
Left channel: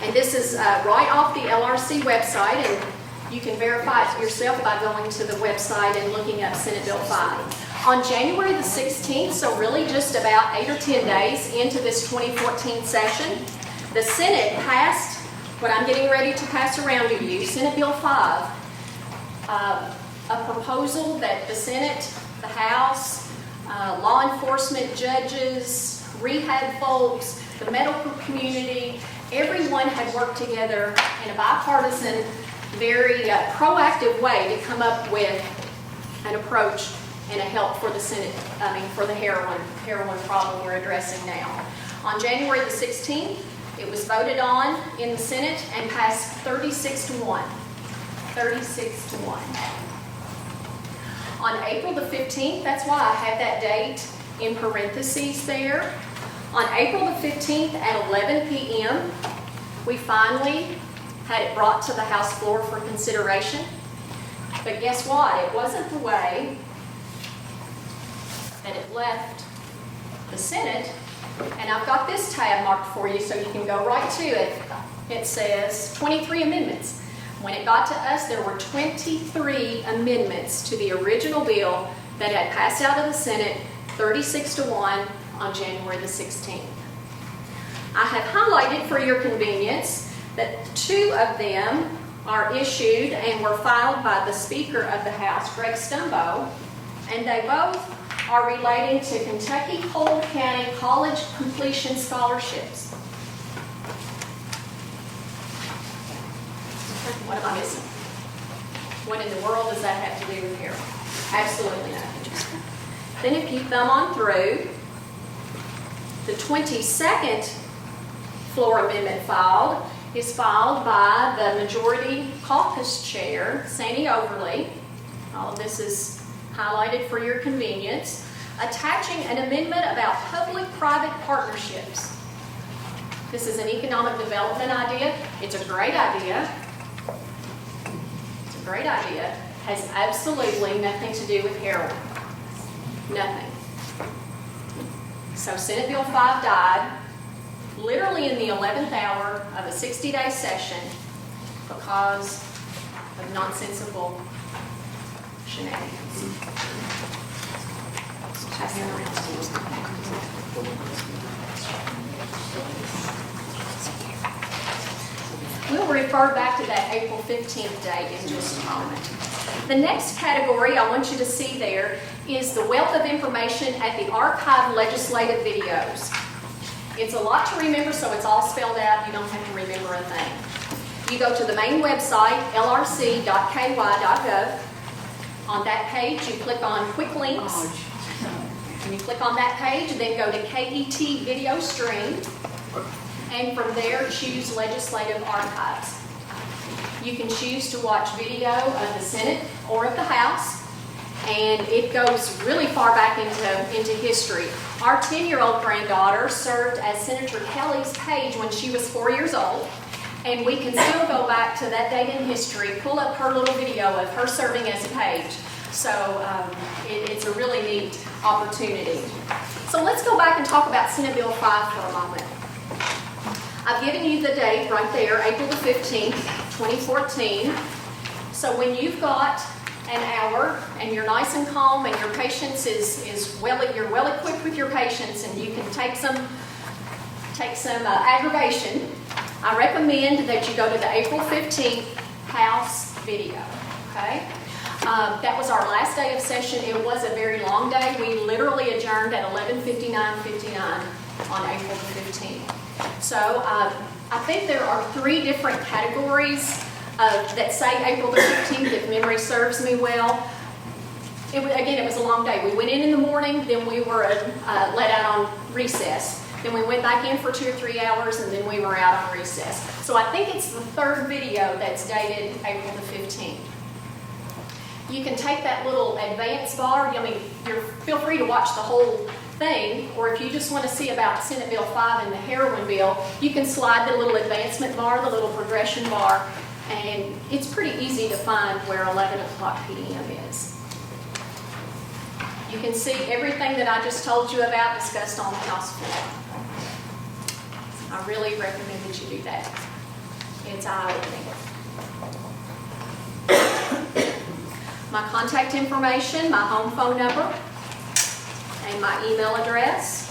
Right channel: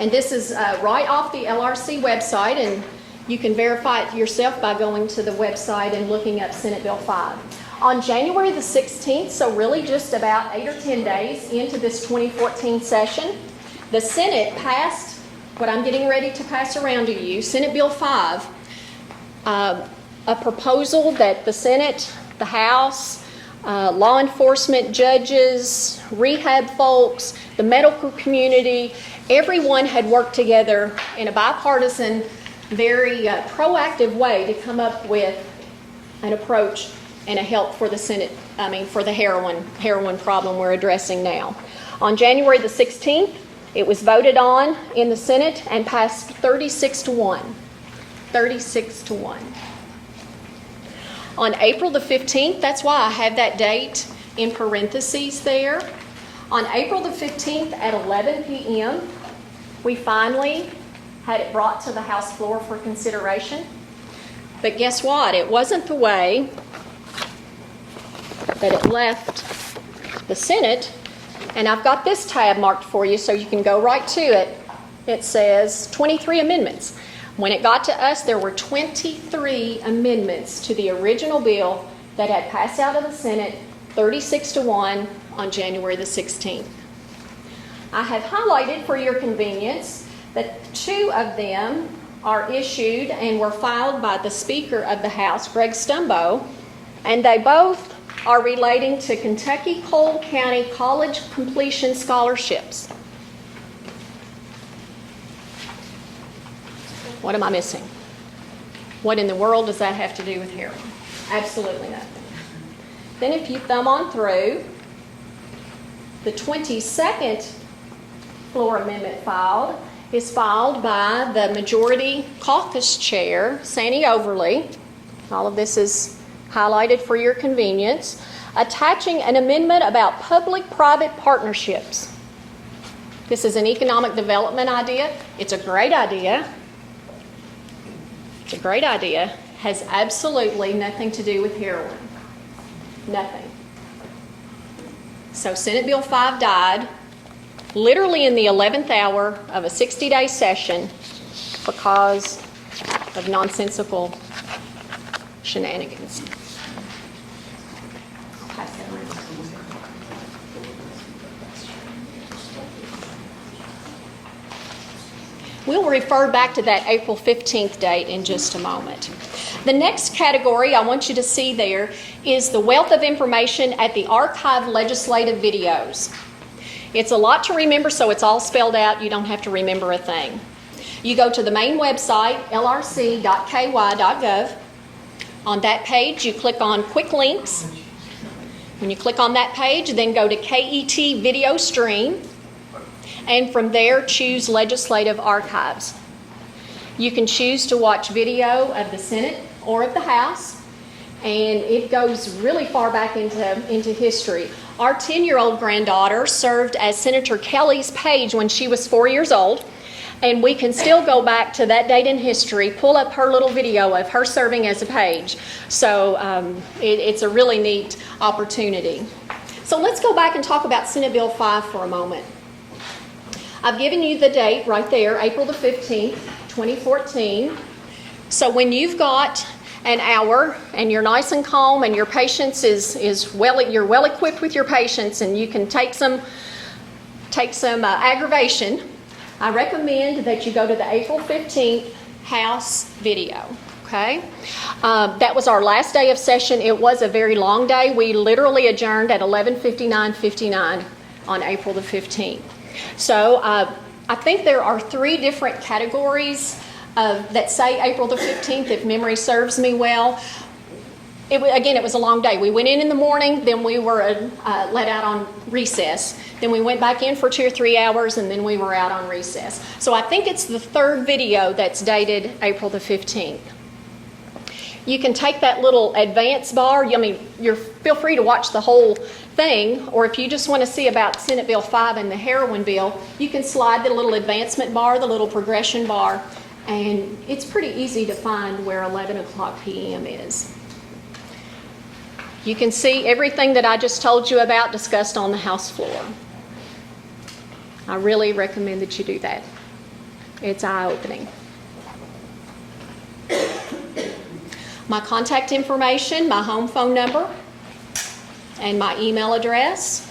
And this is right off the LRC website, and you can verify it yourself by going to the website and looking up Senate Bill 5. On January the 16th, so really just about 8 or 10 days into this 2014 session, the Senate passed what I'm getting ready to pass around to you, Senate Bill 5, a proposal that the Senate, the House, law enforcement, judges, rehab folks, the medical community, everyone had worked together in a bipartisan, very proactive way to come up with an approach and a help for the for the heroin problem we're addressing now. On January the 16th, it was voted on in the Senate and passed 36-1. 36-1. On April the 15th, that's why I have that date in parentheses there. On April the 15th at 11 p.m., we finally had it brought to the House floor for consideration. But guess what? It wasn't the way that it left the Senate. And I've got this tab marked for you so you can go right to it. It says 23 amendments. When it got to us, there were 23 amendments to the original bill that had passed out of the Senate 36-1 on January the 16th. I have highlighted for your convenience that 2 of them are issued and were filed by the Speaker of the House, Greg Stumbo, and they both are relating to Kentucky Cole County College completion scholarships. What am I missing? What in the world does that have to do with heroin? Absolutely nothing. Then if you thumb on through, the 22nd floor amendment filed is filed by the Majority Caucus Chair, Sandy Overly. All of this is highlighted for your convenience, attaching an amendment about public-private partnerships. This is an economic development idea. It's a great idea. It's a great idea. Has absolutely nothing to do with heroin. Nothing. So Senate Bill 5 died literally in the 11th hour of a 60-day session because of nonsensical shenanigans. We'll refer back to that April 15th date in just a moment. The next category I want you to see there is the wealth of information at the archived legislative videos. It's a lot to remember, so it's all spelled out. You don't have to remember a thing. You go to the main website, lrc.ky.gov. On that page, you click on Quick Links. When you click on that page, then go to KET Video Stream. And from there, choose Legislative Archives. You can choose to watch video of the Senate or of the House. And it goes really far back into history. Our 10-year-old granddaughter served as Senator Kelly's page when she was 4 years old. And we can still go back to that date in history, pull up her little video of her serving as a page. So it's a really neat opportunity. So let's go back and talk about Senate Bill 5 for a moment. I've given you the date right there, April the 15th, 2014. So when you've got an hour and you're nice and calm and your patience you're well equipped with your patience and you can take some aggravation, I recommend that you go to the April 15th House video, okay? That was our last day of session. It was a very long day. We literally adjourned at 11:59:59 on April the 15th. So I think there are 3 different categories that say April the 15th, if memory serves me well. It was a long day. We went in the morning, then we were let out on recess. Then we went back in for 2 or 3 hours, and then we were out on recess. So I think it's the 3rd video that's dated April the 15th. You can take that little advance bar. Feel free to watch the whole thing, or if you just want to see about Senate Bill 5 and the heroin bill, you can slide the little advancement bar, the little progression bar, and it's pretty easy to find where 11 o'clock p.m. is. You can see everything that I just told you about discussed on the House floor. I really recommend that you do that. It's eye-opening. My contact information, my home phone number, and my email address.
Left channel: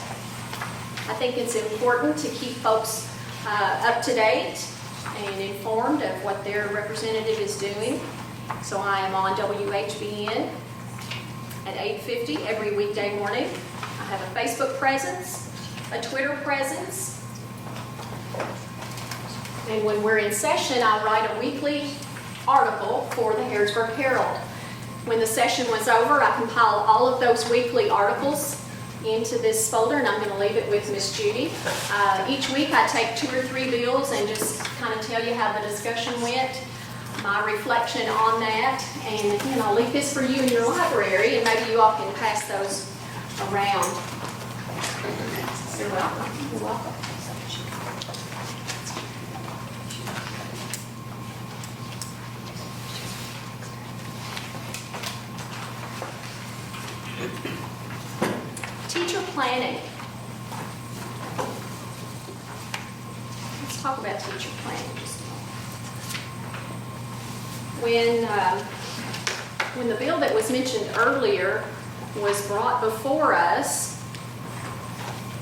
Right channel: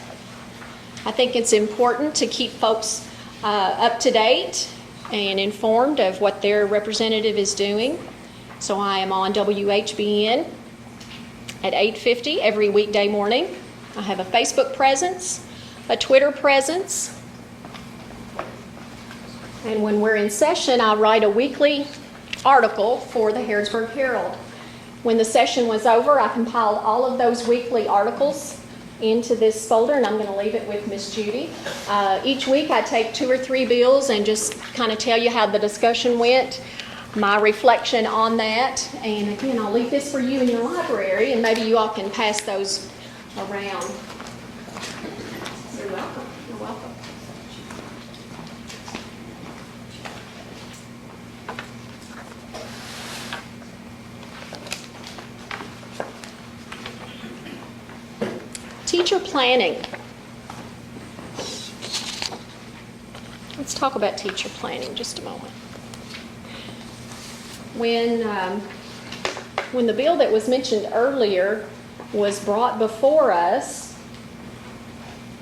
I think it's important to keep folks up to date and informed of what their representative is doing. So I am on WHBN at 8:50 every weekday morning. I have a Facebook presence, a Twitter presence, And when we're in session, I write a weekly article for the Harrisburg Herald. When the session was over, I compile all of those weekly articles into this folder, and I'm going to leave it with Miss Judy. Each week I take 2 or 3 bills and just kind of tell you how the discussion went, my reflection on that, and again, I'll leave this for you in your library, and maybe you all can pass those around. You're welcome. You're welcome. Teacher planning. Let's talk about teacher planning just a moment. When the bill that was mentioned earlier was brought before us,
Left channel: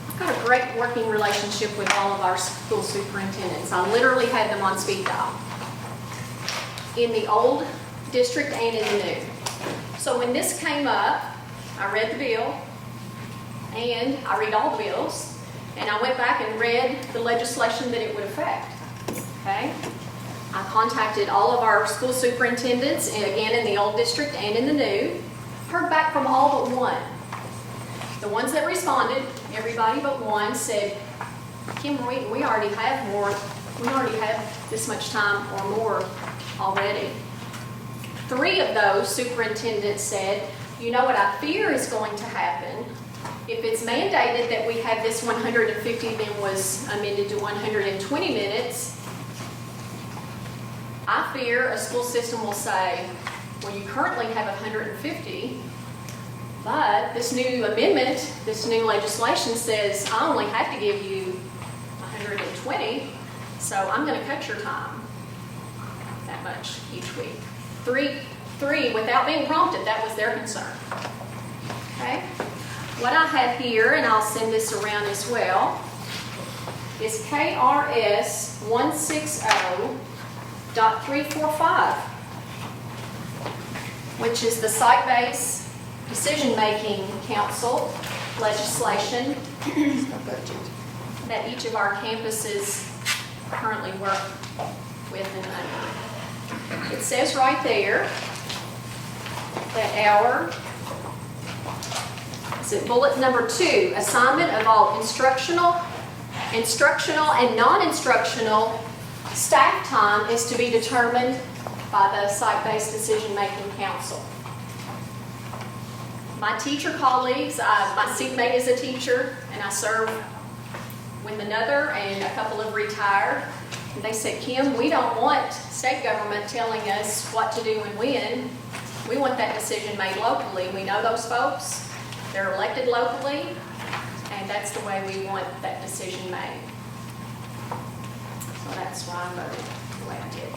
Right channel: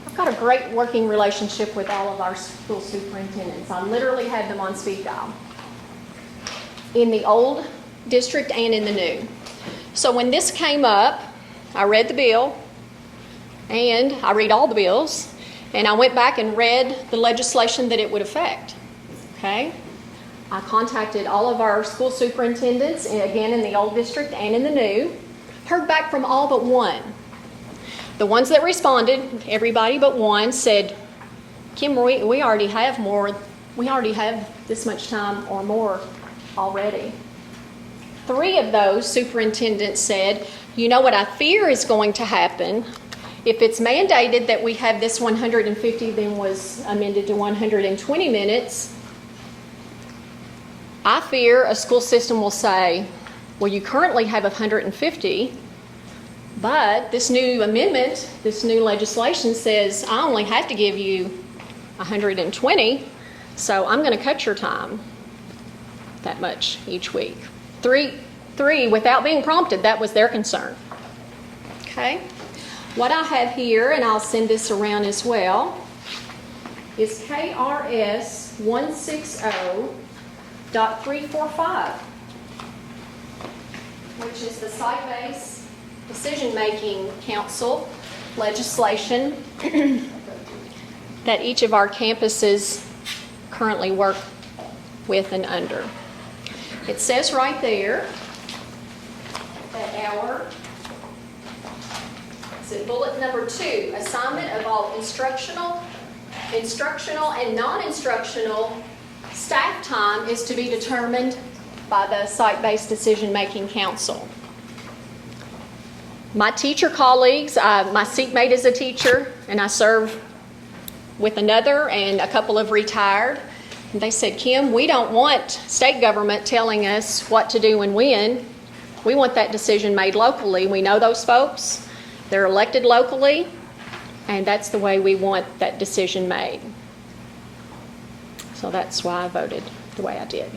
I've got a great working relationship with all of our school superintendents. I literally had them on speed dial in the old district and in the new. So when this came up, I read the bill, and I read all the bills, and I went back and read the legislation that it would affect, okay? I contacted all of our school superintendents, again in the old district and in the new, heard back from all but one. The ones that responded, everybody but one, said, Kim, we already have this much time or more already. 3 of those superintendents said, you know what I fear is going to happen. If it's mandated that we have this 150, then was amended to 120 minutes, I fear a school system will say, well, you currently have 150, but this new amendment, this new legislation says I only have to give you 120, so I'm going to cut your time that much each week. Three, without being prompted, that was their concern. Okay? What I have here, and I'll send this around as well, is KRS 160.345, which is the Site-Based Decision-Making Council legislation that each of our campuses currently work with and under. It says right there that bullet number 2, assignment of all instructional and non-instructional staff time is to be determined by the Site-Based Decision-Making Council. My teacher colleagues, my seatmate is a teacher, and I serve with another, and a couple have retired. And they said, Kim, we don't want state government telling us what to do and when. We want that decision made locally. We know those folks. They're elected locally, and that's the way we want that decision made. So that's why I voted the way I did.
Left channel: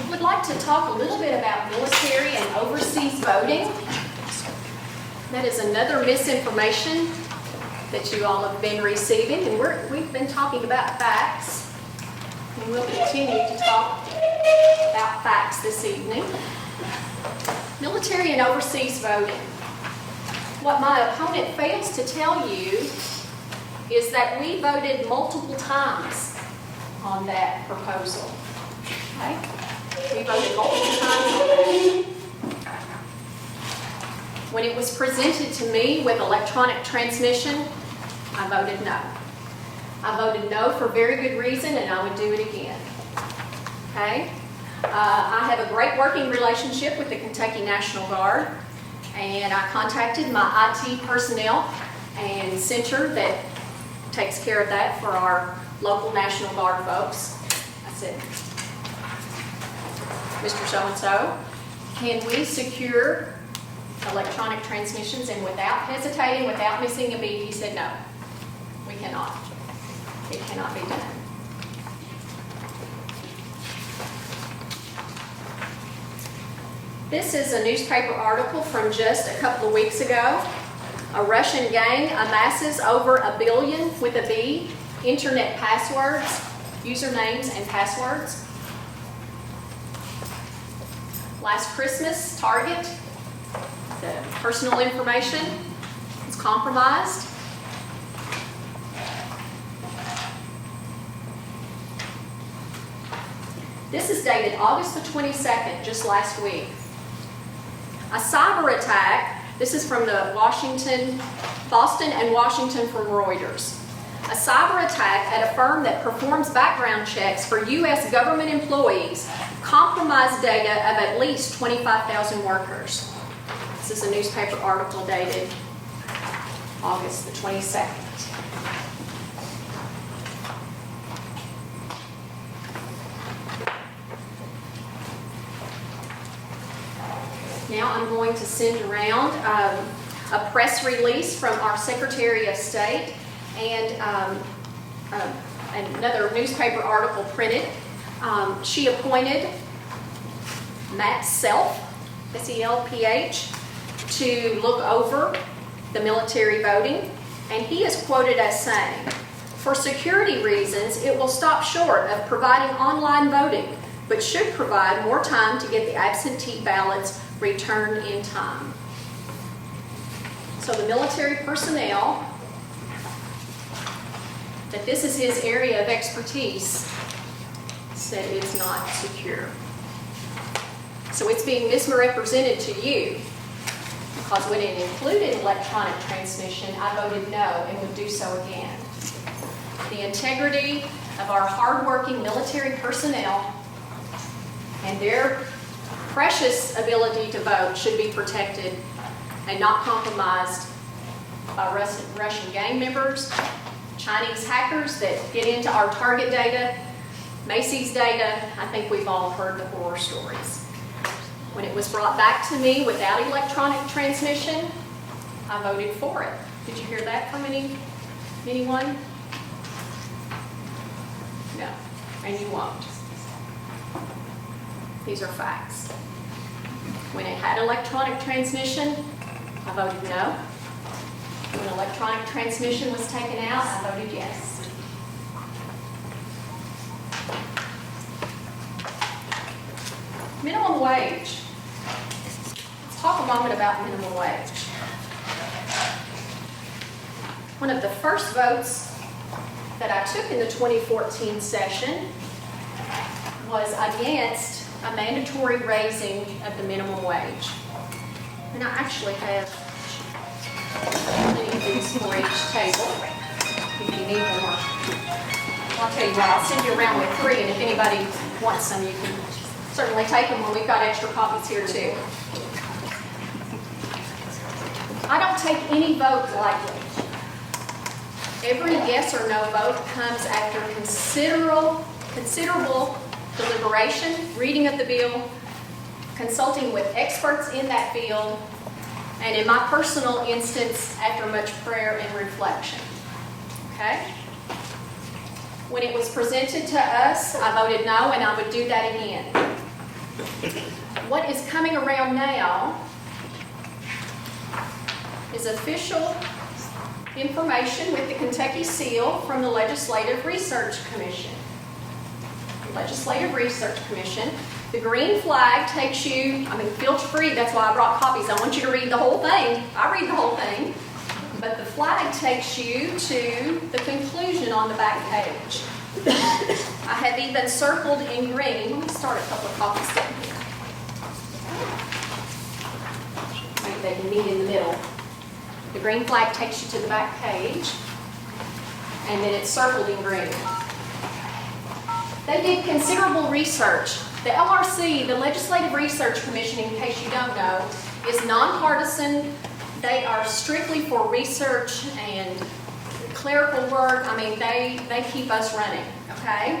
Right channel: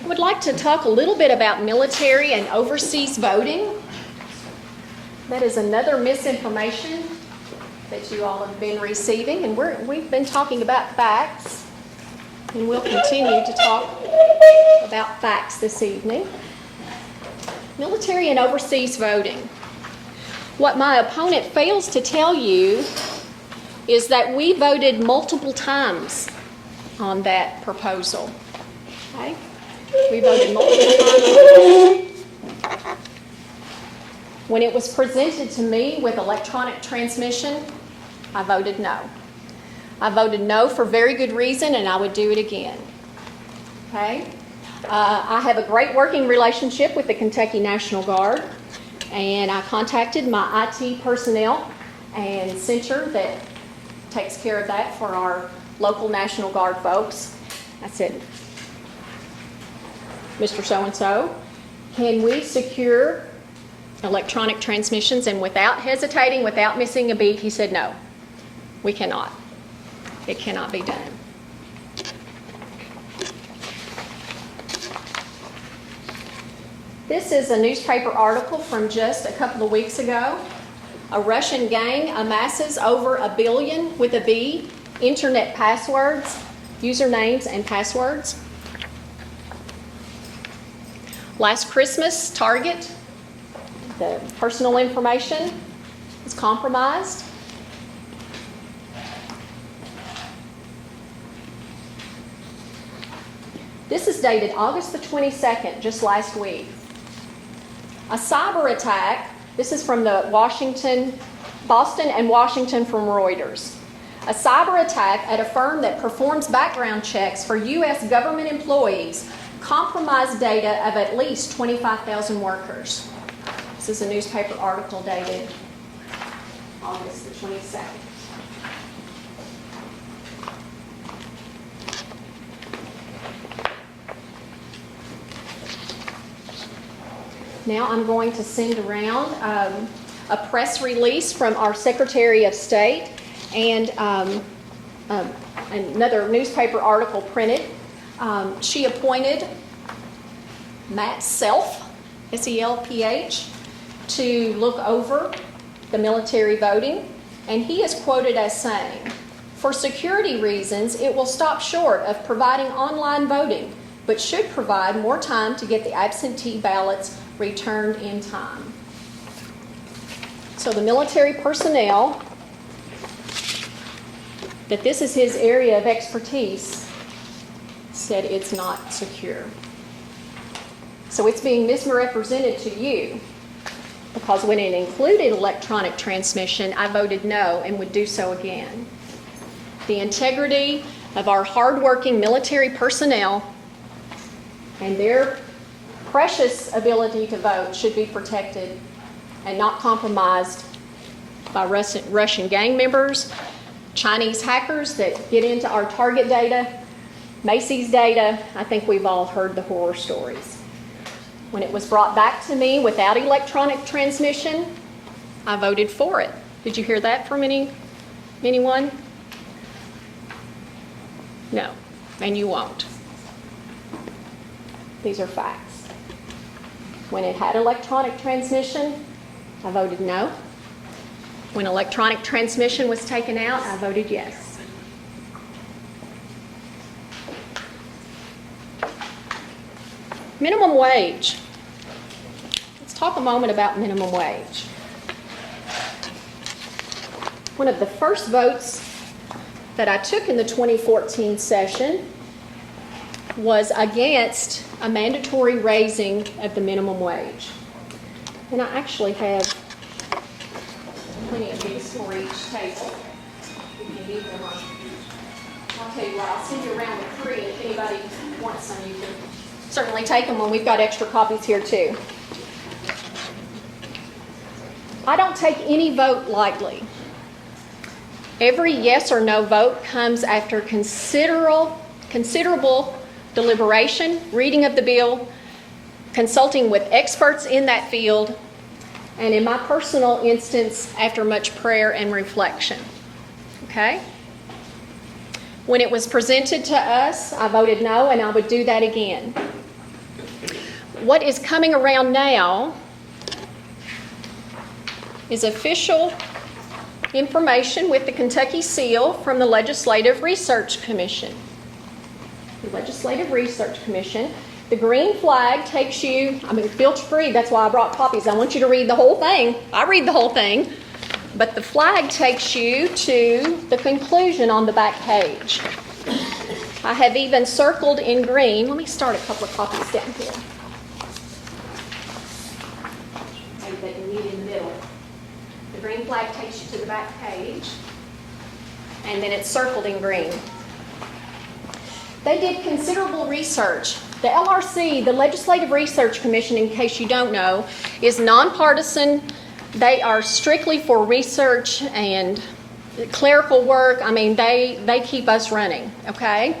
I would like to talk a little bit about military and overseas voting. That is another misinformation that you all have been receiving, and we've been talking about facts. And we'll continue to talk about facts this evening. Military and overseas voting. What my opponent fails to tell you is that we voted multiple times on that proposal. Okay? We voted multiple times. When it was presented to me with electronic transmission, I voted no. I voted no for very good reason, and I would do it again. Okay? I have a great working relationship with the Kentucky National Guard, and I contacted my IT personnel and center that takes care of that for our local National Guard folks. I said, Mr. So-and-so, can we secure electronic transmissions? And without hesitating, without missing a beat, he said, no, we cannot. It cannot be done. This is a newspaper article from just a couple of weeks ago. A Russian gang amasses over 1 billion with a B internet passwords, usernames and passwords. Last Christmas, Target the personal information is compromised. This is dated August the 22nd, just last week. A cyber attack, this is from the Boston and Washington from Reuters. A cyber attack at a firm that performs background checks for U.S. government employees compromised data of at least 25,000 workers. This is a newspaper article dated August the 22nd. Now I'm going to send around a press release from our Secretary of State and another newspaper article printed. She appointed Matt Self, S-E-L-P-H, to look over the military voting, and he is quoted as saying, "For security reasons, it will stop short of providing online voting, but should provide more time to get the absentee ballots returned in time." So the military personnel, that this is his area of expertise, said it's not secure. So it's being misrepresented to you because when it included electronic transmission, I voted no and would do so again. The integrity of our hardworking military personnel and their precious ability to vote should be protected and not compromised by Russian gang members, Chinese hackers that get into our target data, Macy's data. I think we've all heard the horror stories. When it was brought back to me without electronic transmission, I voted for it. Did you hear that from anyone? No, and you won't. These are facts. When it had electronic transmission, I voted no. When electronic transmission was taken out, I voted yes. Minimum wage. Let's talk a moment about minimum wage. One of the first votes that I took in the 2014 session was against a mandatory raising of the minimum wage. And I actually have many of these for each table, if you need more. I'll tell you what, I'll send you around with 3, and if anybody wants some, you can certainly take them when we've got extra copies here too. I don't take any vote lightly. Every yes or no vote comes after considerable deliberation, reading of the bill, consulting with experts in that field, and in my personal instance, after much prayer and reflection. Okay? When it was presented to us, I voted no, and I would do that again. What is coming around now is official information with the Kentucky seal from the Legislative Research Commission. The Legislative Research Commission. The green flag takes you, filter free, that's why I brought copies. I want you to read the whole thing. I read the whole thing. But the flag takes you to the conclusion on the back page. I have even circled in green. Let me start a couple of copies down here. Maybe they can meet in the middle. The green flag takes you to the back page, and then it's circled in green. They did considerable research. The LRC, the Legislative Research Commission, in case you don't know, is nonpartisan. They are strictly for research and clerical work. They keep us running, okay?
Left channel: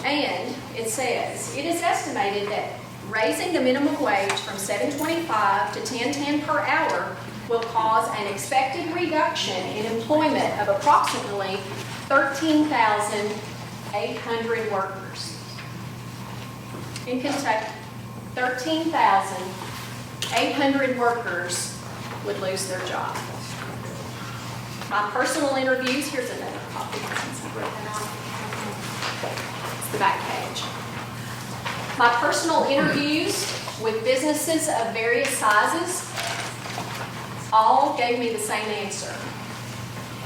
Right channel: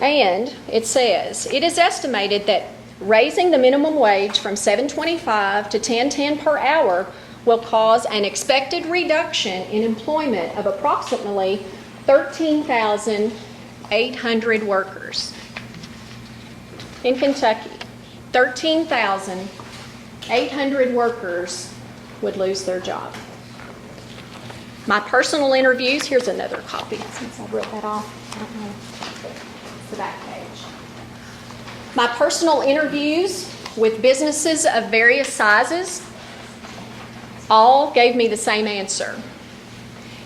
And it says, it is estimated that raising the minimum wage from $7.25 to $10.10 per hour will cause an expected reduction in employment of approximately 13,800 workers. In Kentucky, 13,800 workers would lose their job. My personal interviews, here's another copy since I wrote that off. It's the back page. My personal interviews with businesses of various sizes all gave me the same answer.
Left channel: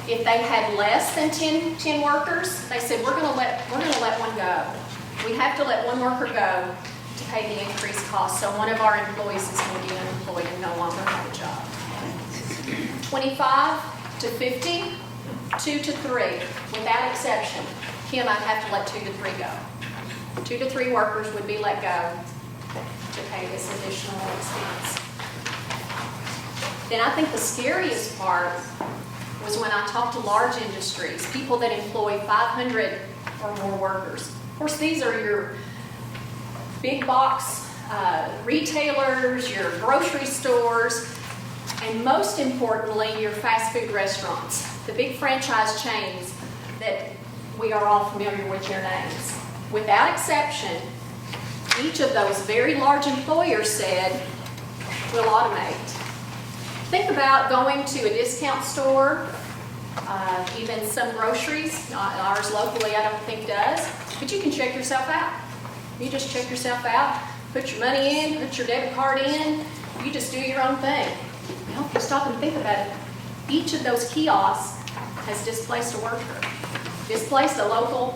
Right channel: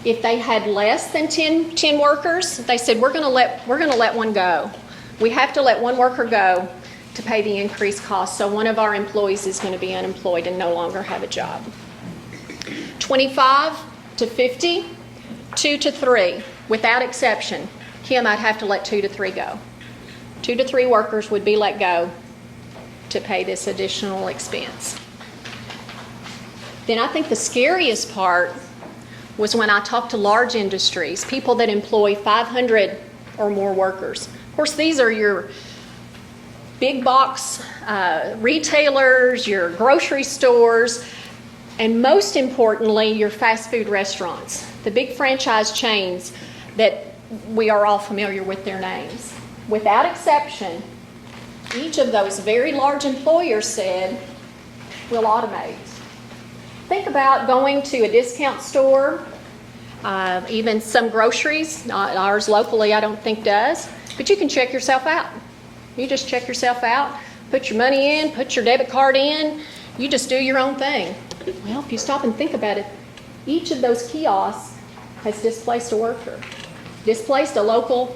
If they had less than 10 workers, they said, we're going to let one go. We have to let one worker go to pay the increased cost, so one of our employees is going to be unemployed and no longer have a job. 25 to 50, 2 to 3, without exception. Kim, I'd have to let 2 to 3 go. 2 to 3 workers would be let go to pay this additional expense. Then I think the scariest part was when I talked to large industries, people that employ 500 or more workers. Of course, these are your big box retailers, your grocery stores, and most importantly, your fast food restaurants, the big franchise chains that we are all familiar with their names. Without exception, each of those very large employers said, we'll automate. Think about going to a discount store, even some groceries, not ours locally I don't think does, but you can check yourself out. You just check yourself out, put your money in, put your debit card in, you just do your own thing. Well, if you stop and think about it, each of those kiosks has displaced a worker, displaced a local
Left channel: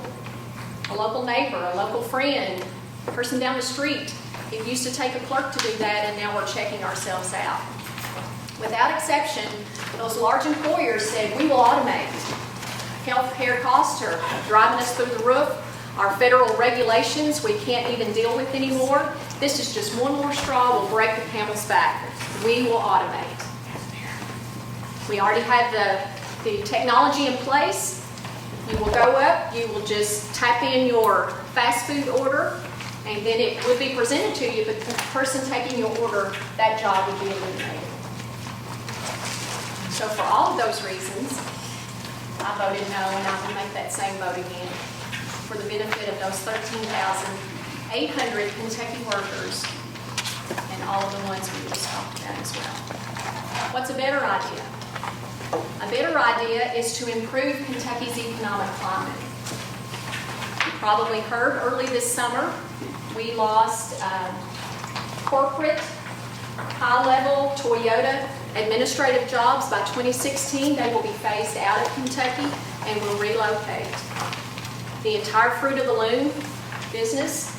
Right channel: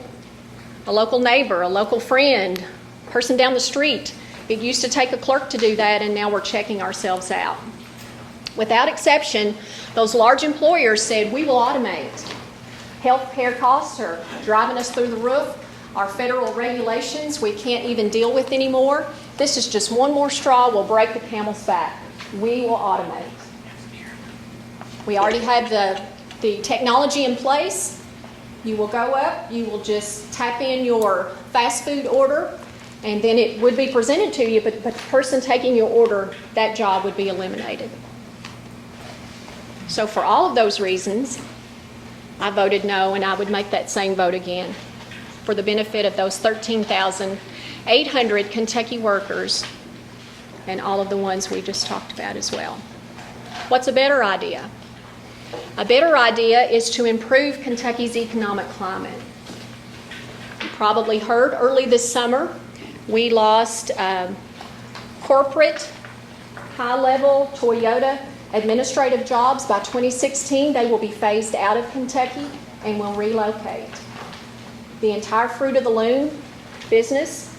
neighbor, a local friend, person down the street. It used to take a clerk to do that, and now we're checking ourselves out. Without exception, those large employers said, we will automate. Healthcare costs are driving us through the roof. Our federal regulations we can't even deal with anymore. This is just one more straw will break the camel's back. We will automate. We already have the technology in place. You will go up, you will just tap in your fast food order, and then it would be presented to you, but the person taking your order, that job would be eliminated. So for all of those reasons, I voted no, and I would make that same vote again for the benefit of those 13,800 Kentucky workers and all of the ones we just talked about as well. What's a better idea? A better idea is to improve Kentucky's economic climate. You probably heard early this summer, we lost corporate, high-level Toyota administrative jobs. By 2016, they will be phased out of Kentucky and will relocate. The entire Fruit of the Loom business,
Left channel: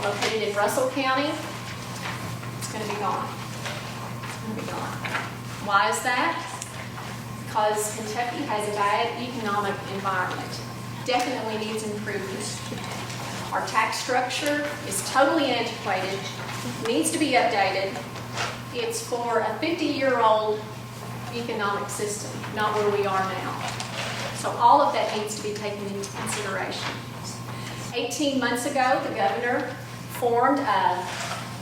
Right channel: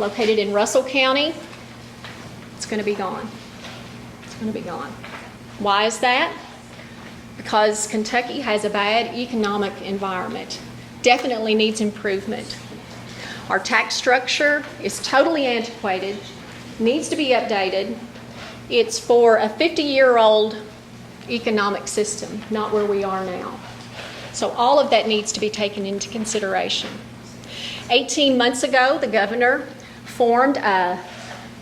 located in Russell County, it's going to be gone. It's going to be gone. Why is that? Because Kentucky has a bad economic environment. Definitely needs improvement. Our tax structure is totally antiquated, needs to be updated. It's for a 50-year-old economic system, not where we are now. So all of that needs to be taken into consideration. 18 months ago, the governor formed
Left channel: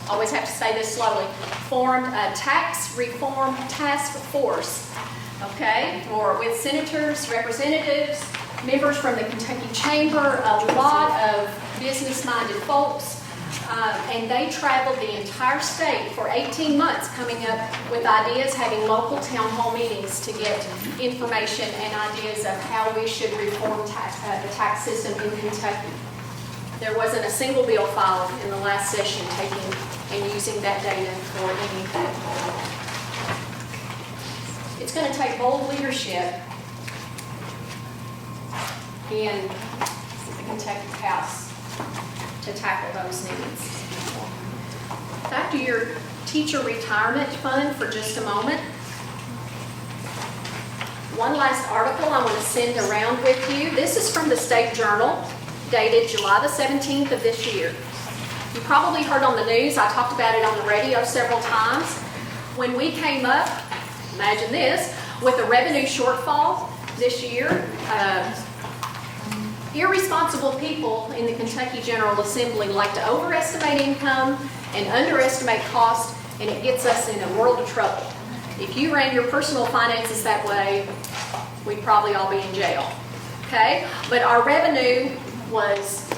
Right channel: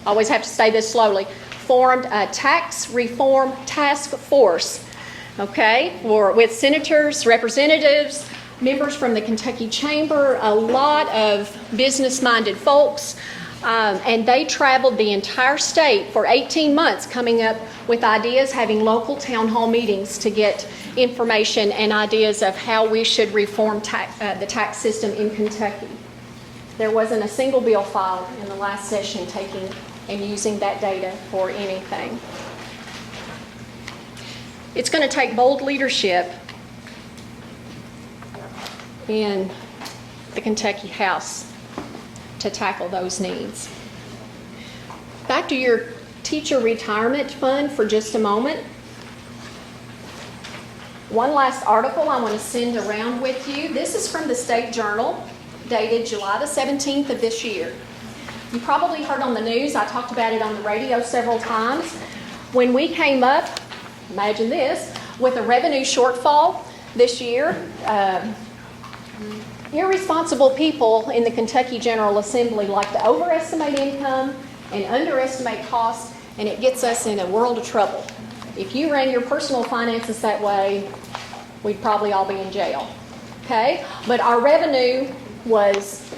always have to say this slowly, formed a tax reform task force, okay, with senators, representatives, members from the Kentucky Chamber, a lot of business-minded folks, and they traveled the entire state for 18 months coming up with ideas, having local town hall meetings to get information and ideas of how we should reform the tax system in Kentucky. There wasn't a single bill filed in the last session taking and using that data for anything. It's going to take bold leadership in the Kentucky House to tackle those needs. Back to your teacher retirement fund for just a moment. One last article I want to send around with you. This is from the State Journal, dated July the 17th of this year. You probably heard on the news, I talked about it on the radio several times. When we came up, imagine this, with a revenue shortfall this year, irresponsible people in the Kentucky General Assembly like to overestimate income and underestimate cost, and it gets us in a world of trouble. If you ran your personal finances that way, we'd probably all be in jail. Okay? But our revenue was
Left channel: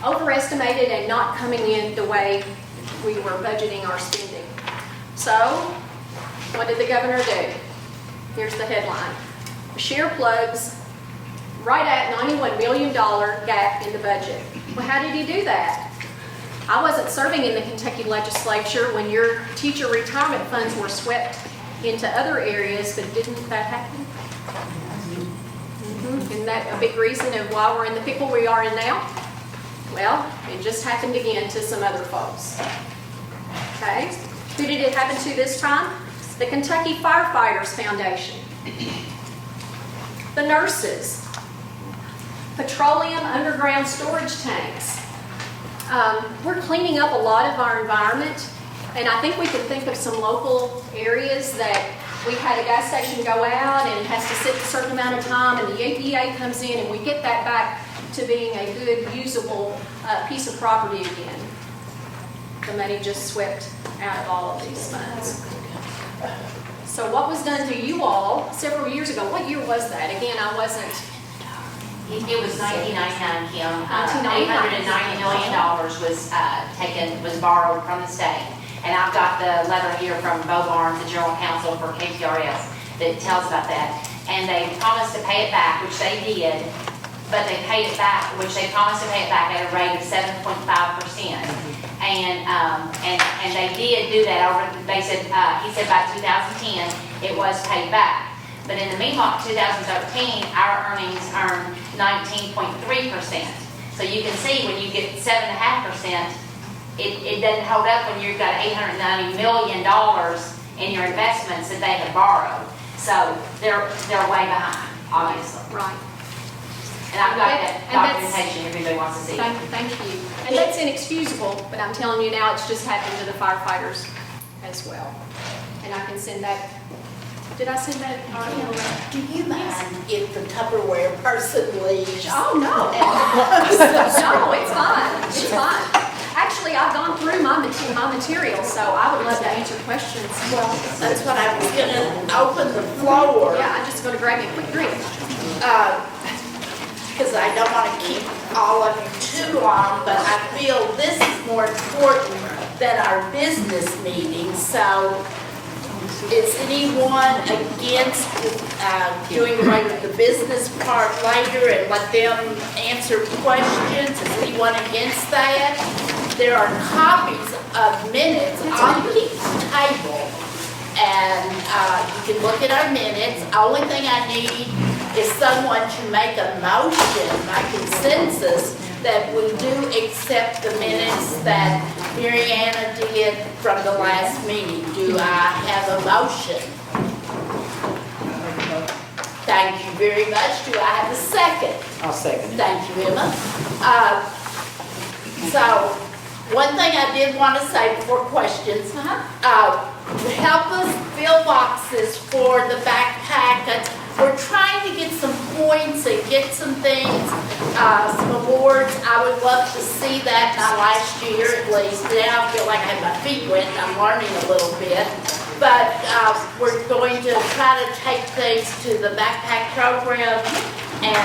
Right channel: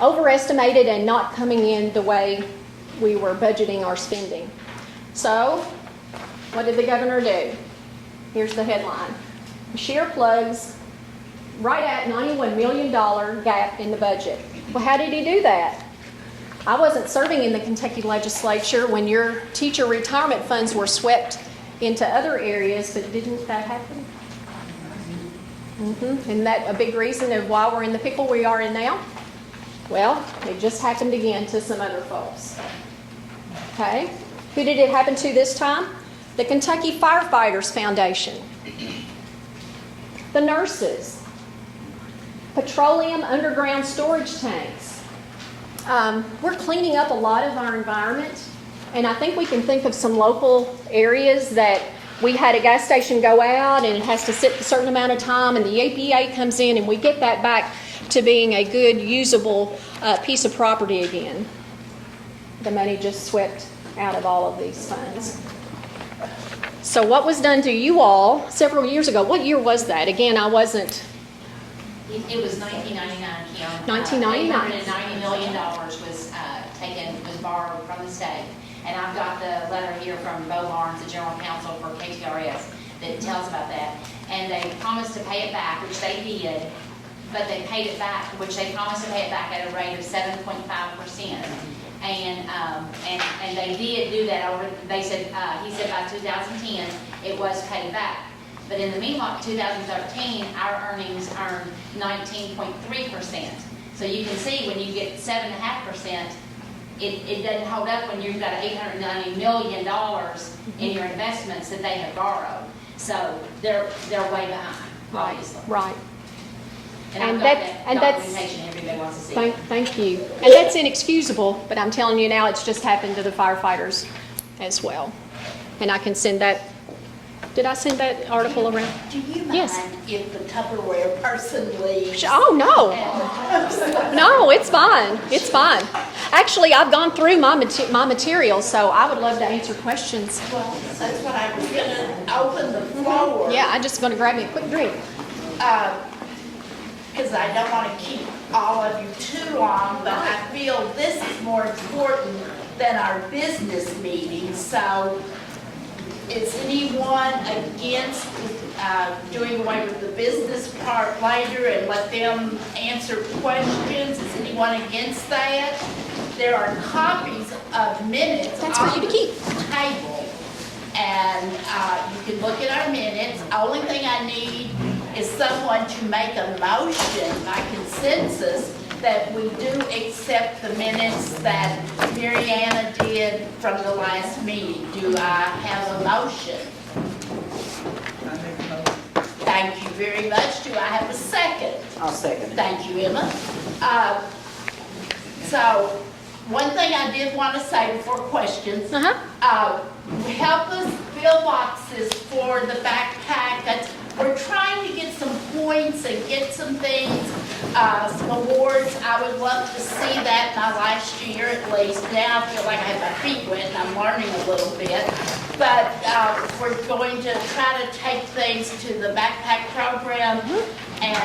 overestimated and not coming in the way we were budgeting our spending. So, what did the governor do? Here's the headline. Share plugs right at $91 million gap in the budget. Well, how did he do that? I wasn't serving in the Kentucky legislature when your teacher retirement funds were swept into other areas, but didn't that happen? Isn't that a big reason of why we're in the people we are in now? Well, it just happened again to some other folks. Okay, who did it happen to this time? The Kentucky Firefighters Foundation, the nurses, petroleum underground storage tanks. We're cleaning up a lot of our environment, and I think we can think of some local areas that we had a gas station go out and it has to sit a certain amount of time, and the EPA comes in and we get that back to being a good, usable piece of property again. The money just swept out of all of these funds. So what was done to you all several years ago? What year was that? Again, I wasn't. It was 1999, Kim. 1999. $890 million was borrowed from the state. And I've got the letter here from Bo Barnes, the general counsel for KTRS, that tells about that. And they promised to pay it back, which they did, but they paid it back, which they promised to pay it back at a rate of 7.5%. And they did do that over, they said, he said by 2010, it was paid back. But in the meanwhile, 2013, our earnings earned 19.3%. So you can see when you get 7.5%, it doesn't hold up when you've got $890 million in your investments that they have borrowed. So they're way behind, obviously. Right. And I've got that And that's- documentation if anybody wants to see. Thank you. And that's inexcusable, but I'm telling you now, it's just happened to the firefighters as well. And I can send that, did I send that article around? Do you mind Yes. if the Tupperware person leaves? Oh, no. No, it's fine. It's fine. Actually, I've gone through my material, so I would love to answer questions. Well, that's what I was gonna open the floor. Yeah, I'm just going to grab you a quick drink. Because I don't want to keep all of you too long, but I feel this is more important than our business meeting. So is anyone against doing away with the business part later and let them answer questions? Is anyone against that? There are copies of minutes on the table, and you can look at our minutes. Only thing I need is someone to make a motion by consensus that we do accept the minutes that Mariana did from the last meeting. Do I have a motion? Thank you very much. Do I have a second? I'll second it. Thank you, Emma. So, one thing I did want to say before questions, help us fill boxes for the backpack. We're trying to get some points and get some things, some awards. I would love to see that my last year at least. Now I feel like I have my feet wet and I'm learning a little bit. But we're going to try to take things to the backpack program, and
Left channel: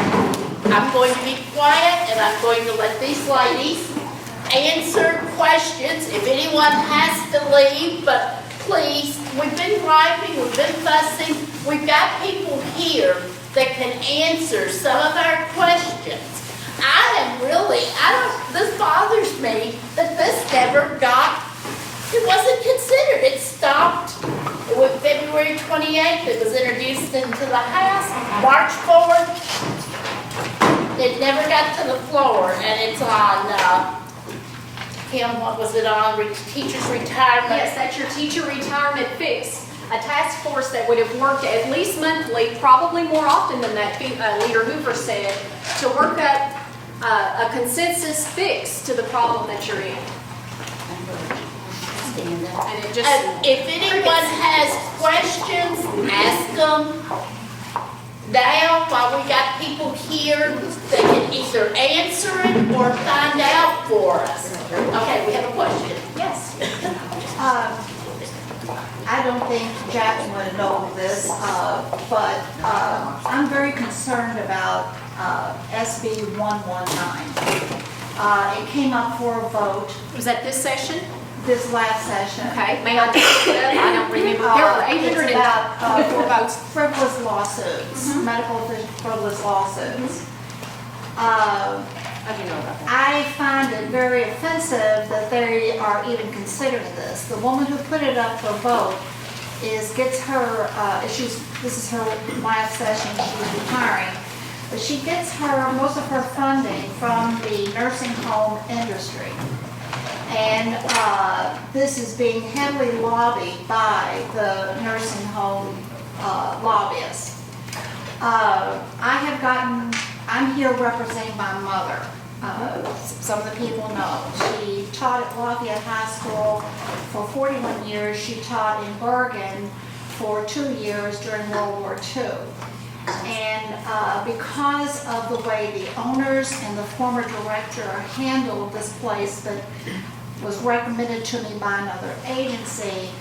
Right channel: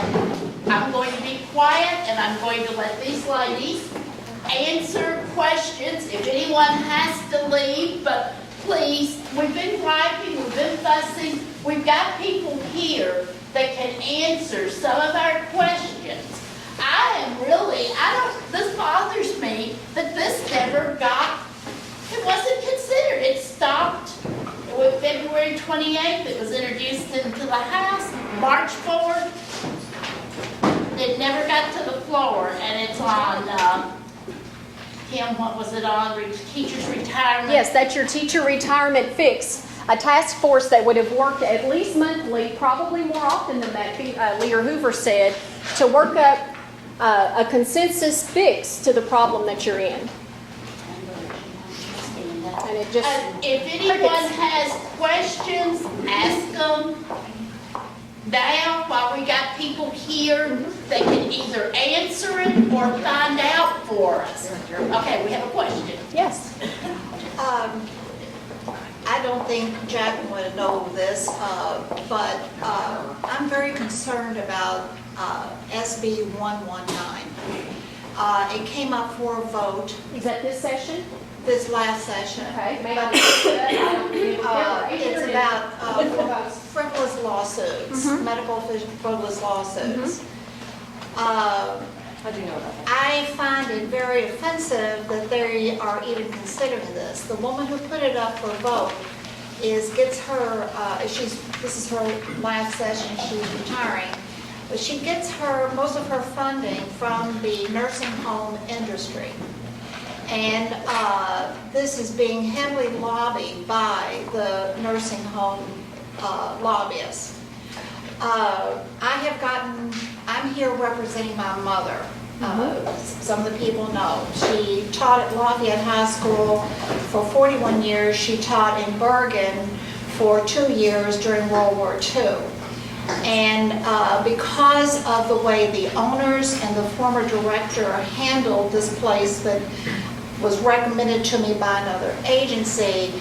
I'm going to be quiet and I'm going to let these ladies answer questions. If anyone has to leave, but please, we've been griping, we've been fussing. We've got people here that can answer some of our questions. This bothers me that this never got, it wasn't considered. It stopped with February 28th. It was introduced into the House. March 4th, it never got to the floor, and it's on, Kim, what was it on? Teachers' retirement? Yes, that's your teacher retirement fix. A task force that would have worked at least monthly, probably more often than that, Leader Hoover said, to work up a consensus fix to the problem that you're in. And it just, If anyone has questions, ask them now while we got people here. They can either answer it or find out for us. Okay, we have a question. yes. I don't think Jack would know this, but I'm very concerned about SB 119. It came up for a vote Was that this session? this last session. Okay, may I pick it up? I don't remember. There were It's 804 about votes. frivolous lawsuits, medical frivolous lawsuits. I find it very offensive that they are even considering this. The woman who put it up for vote is gets her, this is her last session, she's retiring, but she gets most of her funding from the nursing home industry. And this is being heavily lobbied by the nursing home lobbyists. I'm here representing my mother. Some of the people know. She taught at Lafayette High School for 41 years. She taught in Bergen for 2 years during World War II. And because of the way the owners and the former director handled this place that was recommended to me by another agency,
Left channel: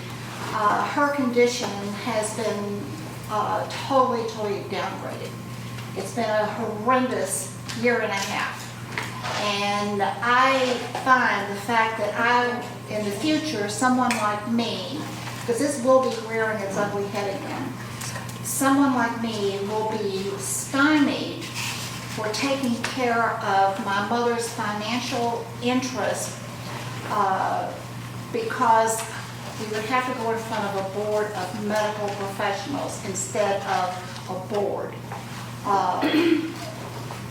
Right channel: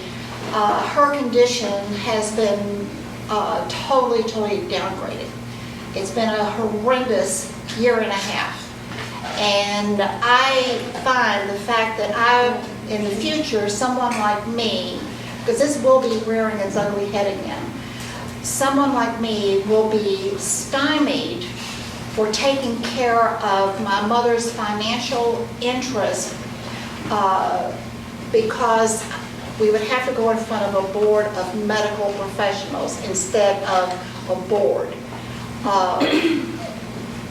her condition has been totally downgraded. It's been a horrendous year and a half. And I find the fact that in the future, someone like me, because this will be rearing its ugly head again, someone like me will be stymied for taking care of my mother's financial interest because we would have to go in front of a board of medical professionals instead of a board.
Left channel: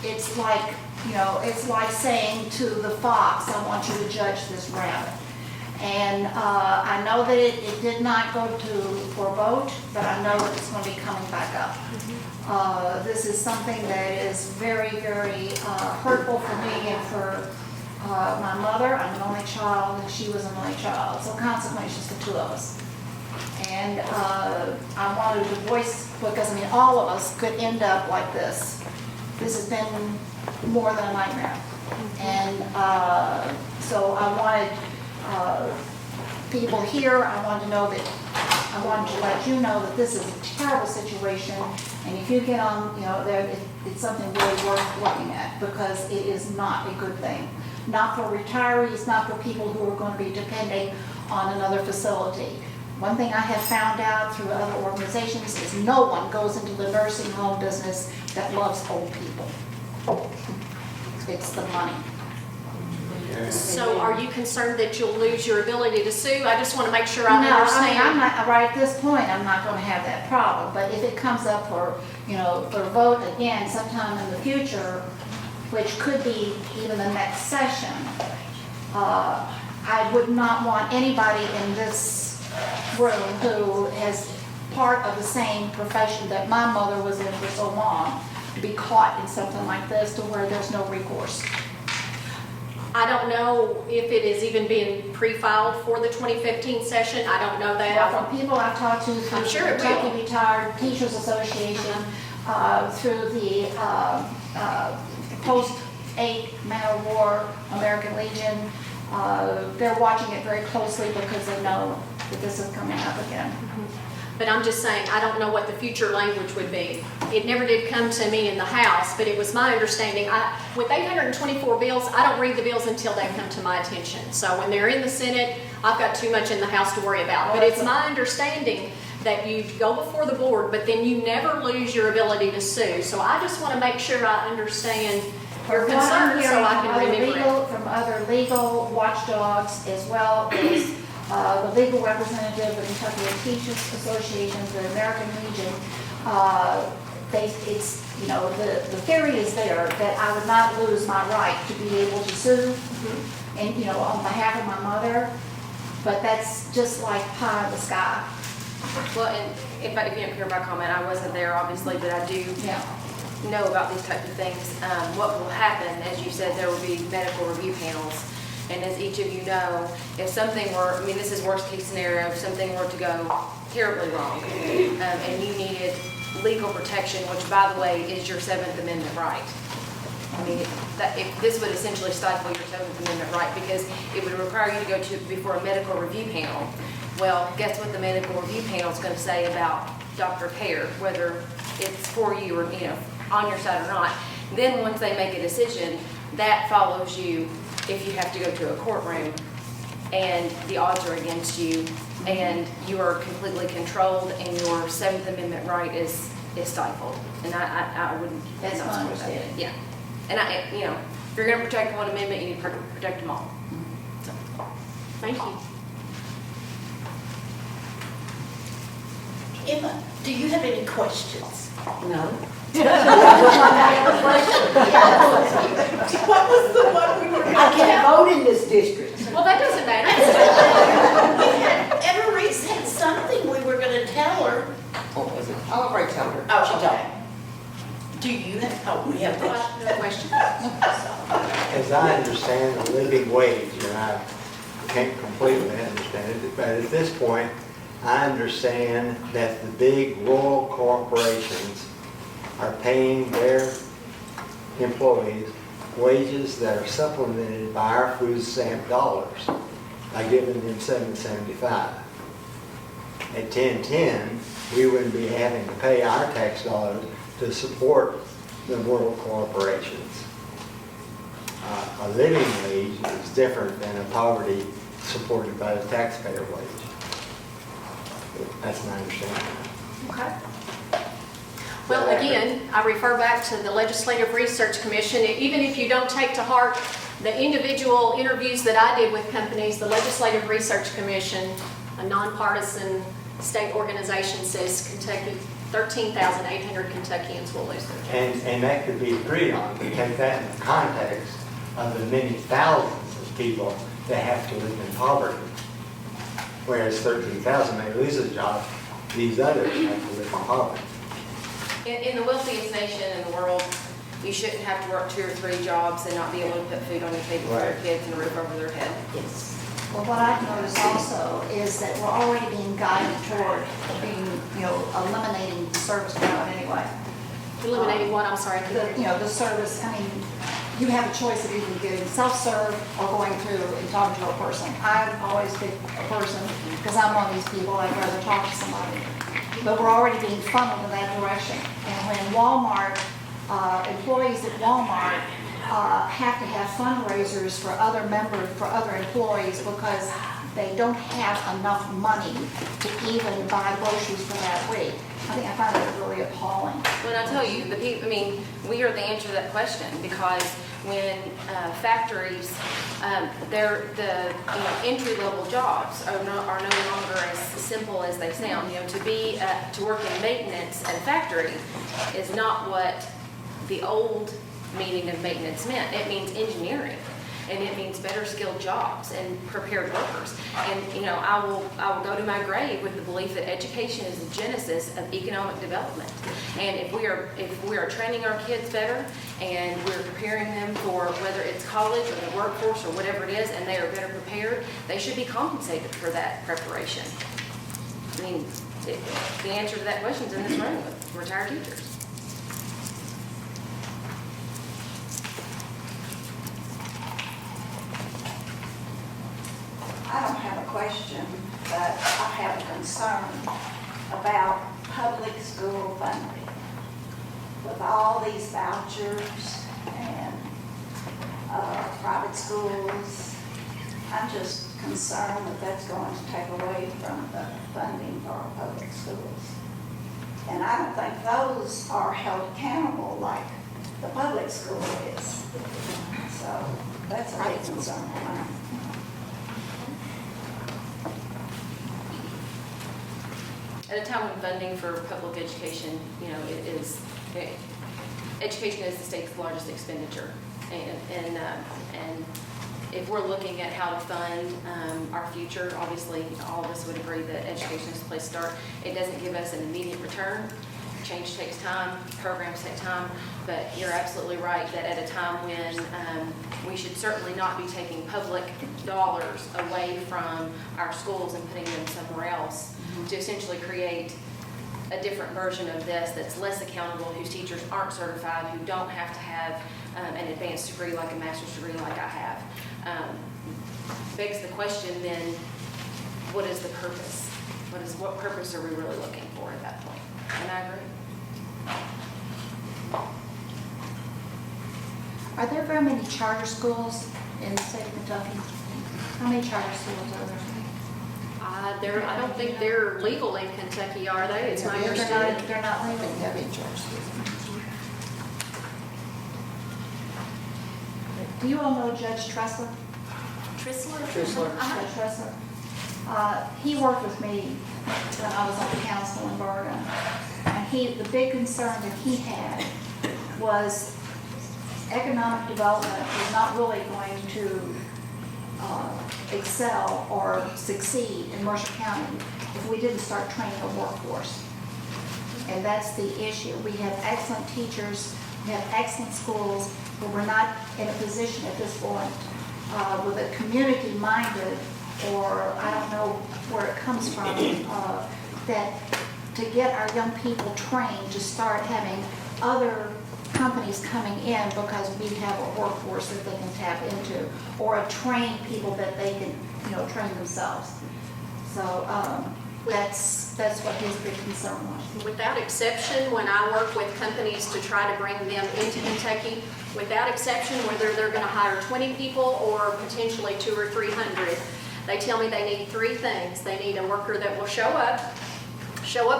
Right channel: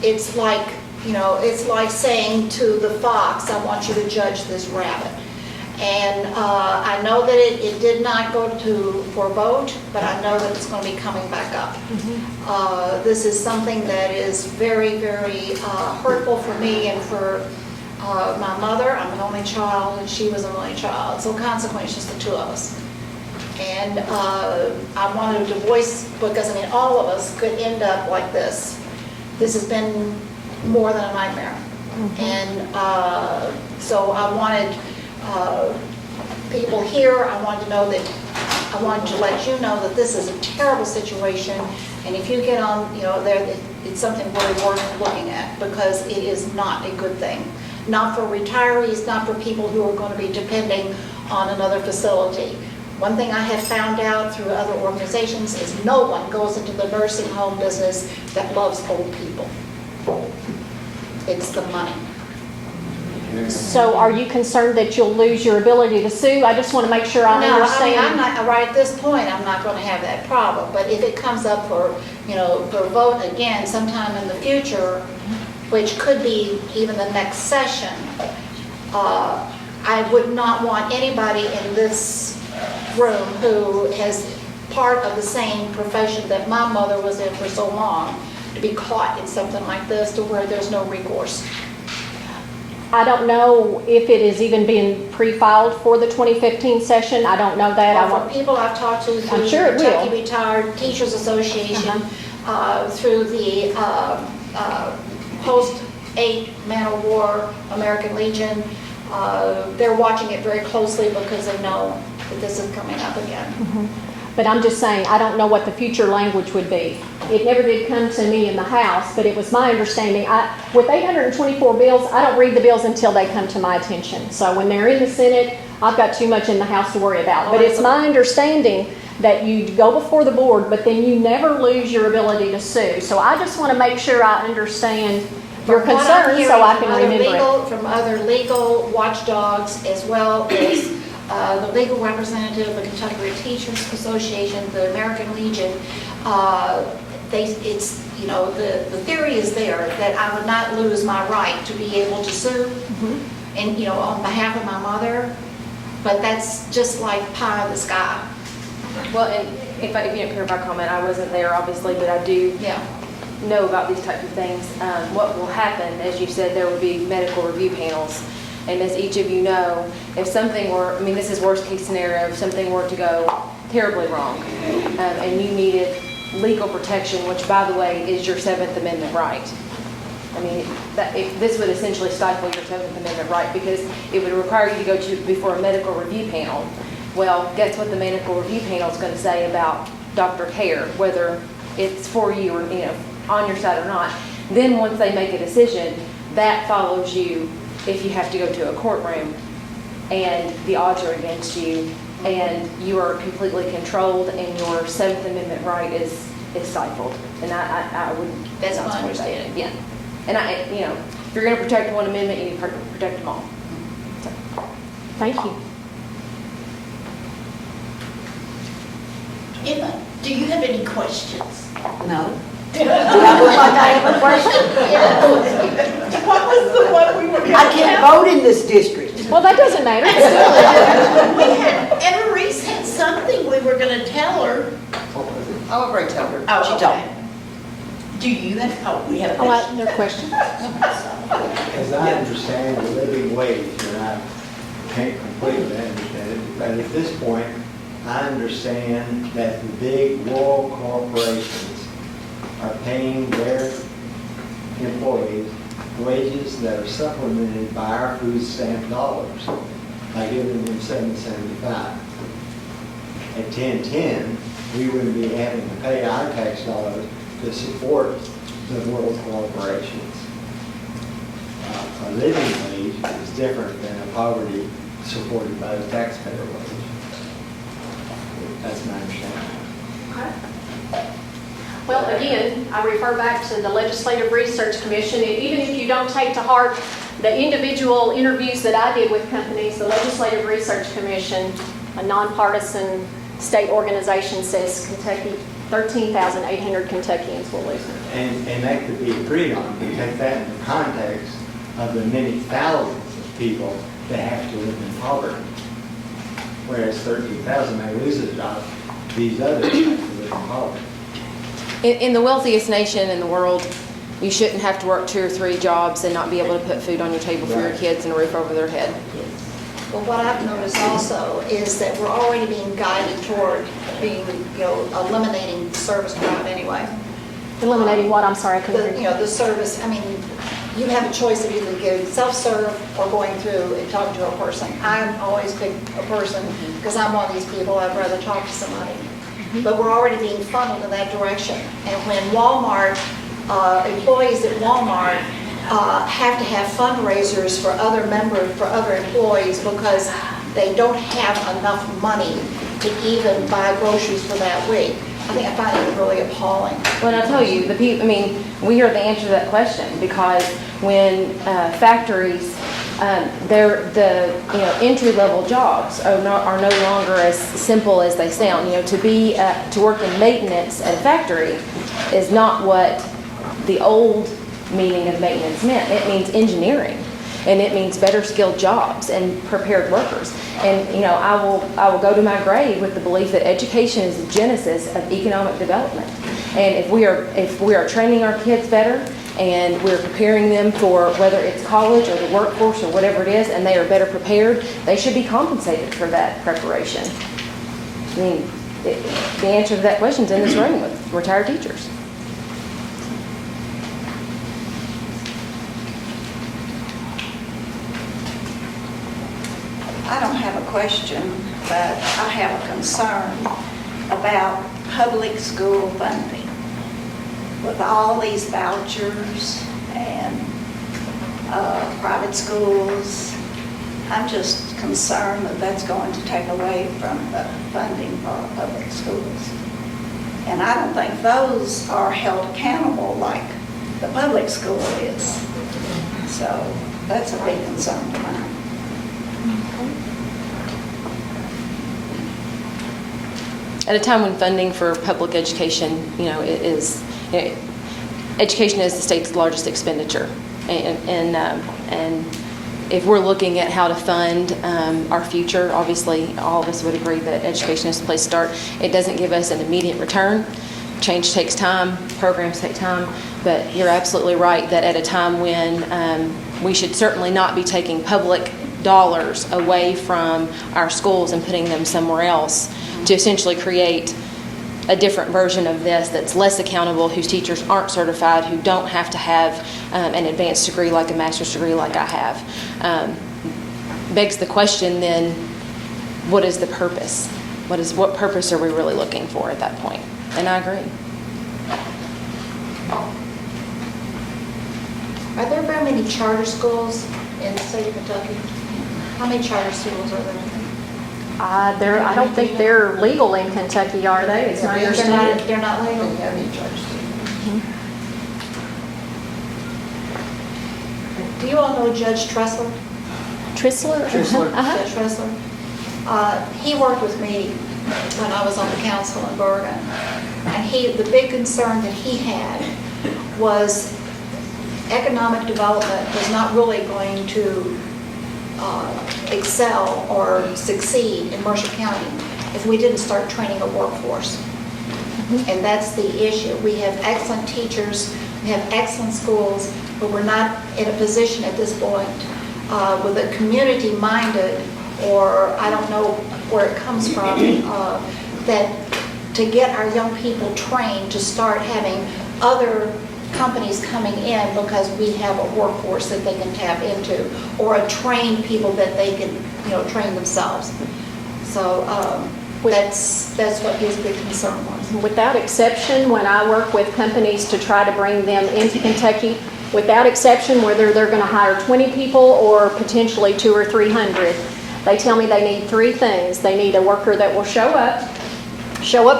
It's like, it's like saying to the fox, I want you to judge this rabbit. And I know that it did not go for a vote, but I know that it's going to be coming back up. This is something that is very hurtful for me and for my mother. I'm an only child, and she was an only child. So consequently, it's just the two of us. And I wanted to voice, because all of us could end up like this. This has been more than a nightmare. And so I wanted people here, I wanted to let you know that this is a terrible situation, and if you get on, there, it's something really worth looking at, because it is not a good thing. Not for retirees, not for people who are going to be depending on another facility. One thing I have found out through other organizations is no one goes into the nursing home business that loves old people. It's the money. So are you concerned that you'll lose your ability to sue? I just want to make sure I understand. No, I'm not, right at this point, I'm not going to have that problem. But if it comes up for vote again sometime in the future, which could be even the next session, I would not want anybody in this room who is part of the same profession that my mother was in for so long to be caught in something like this to where there's no recourse. I don't know if it is even being pre-filed for the 2015 session. I don't know that. For people I've talked to through I'm sure it the will. Kentucky Retired Teachers Association, through the post-8 Man of War American Legion, they're watching it very closely because they know that this is coming up again. But I'm just saying, I don't know what the future language would be. It never did come to me in the House, but it was my understanding. With 824 bills, I don't read the bills until they come to my attention. So when they're in the Senate, I've got too much in the House to worry about. But it's my understanding that you go before the board, but then you never lose your ability to sue. So I just want to make sure I understand your concern so I can remember it. From other legal watchdogs, as well as the legal representative of the Kentucky Teachers Association, the American Legion, the theory is there that I would not lose my right to be able to sue, and on behalf of my mother, but that's just like pie in the sky. Well, and if you didn't hear my comment, I wasn't there obviously, but I do know about these types of things. What will happen, as you said, there will be medical review panels. And as each of you know, if something were, this is worst case scenario, if something were to go terribly wrong, and you needed legal protection, which by the way is your 7th Amendment right. This would essentially stifle your 7th Amendment right, because it would require you to go before a medical review panel. Well, guess what the medical review panel is going to say about doctor care, whether it's for you or on your side or not. Then once they make a decision, that follows you if you have to go to a courtroom and the odds are against you and you are completely controlled and your 7th Amendment right is stifled. And I wouldn't. That's my understanding. Yeah. And if you're going to protect one amendment, you need to protect them all. Thank you. Emma, do you have any questions? No. What was the one we were going to I can't vote in this district. Well, that doesn't matter. Emma Reese had something we were going to tell her. What was it? I'll already tell her. Oh, She okay. told me. Do you have, oh, we have Oh, questions. no question. As I understand the living wage, and I can't completely understand it, but at this point, I understand that the big rural corporations are paying their employees wages that are supplemented by our food stamp dollars by giving them $7.75. At 10.10, we wouldn't be having to pay our tax dollars to support the rural corporations. A living wage is different than a poverty supported by the taxpayer wage. That's my understanding. Okay. Well, again, I refer back to the Legislative Research Commission. Even if you don't take to heart the individual interviews that I did with companies, the Legislative Research Commission, a nonpartisan state organization, says Kentucky, 13,800 Kentuckians will lose. And that could be agreed on if you take that in the context of the many thousands of people that have to live in poverty. Whereas 13,000 may lose a job, these others have to live in poverty. In the wealthiest nation in the world, you shouldn't have to work 2 or 3 jobs and not be able to put food on your table for your Right. kids and a roof over their head. Well, what I've noticed also is that we're already being guided toward being, eliminating the service crowd anyway. Eliminating what? I'm sorry, I couldn't hear you. The service, I mean, you have a choice of either getting self-serve or going through and talking to a person. I'm always pick a person because I'm one of these people, I'd rather talk to somebody. But we're already being funneled in that direction. And when Walmart, employees at Walmart have to have fundraisers for other members, for other employees because they don't have enough money to even buy groceries for that week, I find it really appalling. Well, I'll tell you, we are the answer to that question because when factories, the entry-level jobs are no longer as simple as they sound. To work in maintenance at a factory is not what the old meaning of maintenance meant. It means engineering, and it means better skilled jobs and prepared workers. And I will go to my grave with the belief that education is the genesis of economic development. And if we are training our kids better and we're preparing them for whether it's college or the workforce or whatever it is, and they are better prepared, they should be compensated for that preparation. I mean, the answer to that question is in this room with retired teachers. I don't have a question, but I have a concern about public school funding. With all these vouchers and private schools, I'm just concerned that that's going to take away from the funding for our public schools. And I don't think those are held accountable like the public school is. So that's a big concern of mine. At a time when funding for public education, education is the state's largest expenditure, and if we're looking at how to fund our future, obviously all of us would agree that education is the place to start. It doesn't give us an immediate return. Change takes time, programs take time, but you're absolutely right that at a time when we should certainly not be taking public dollars away from our schools and putting them somewhere else to essentially create a different version of this that's less accountable, whose teachers aren't certified, who don't have to have an advanced degree like a master's degree like I have. Begs the question then, what is the purpose? What purpose are we really looking for at that point? And I agree. Are there very many charter schools in the state of Kentucky? How many charter schools are there? I don't think they're legal in Kentucky, are they? It's my understanding. They're not legal? Don't have any charter schools. Do you all know Judge Tressler? Trissler? Trissler. Uh-huh. Judge Tressler? He worked with me when I was on the council in Bergen. And the big concern that he had was economic development was not really going to excel or succeed in Mercer County if we didn't start training a workforce. And that's the issue. We have excellent teachers, we have excellent schools, but we're not in a position at this point with a community-minded, or I don't know where it comes from, that to get our young people trained to start having other companies coming in because we have a workforce that they can tap into, or a trained people that they can, train themselves. So that's what his big concern was. Without exception, when I work with companies to try to bring them into Kentucky, without exception, whether they're going to hire 20 people or potentially 200 or 300, they tell me they need three things. They need a worker that will show up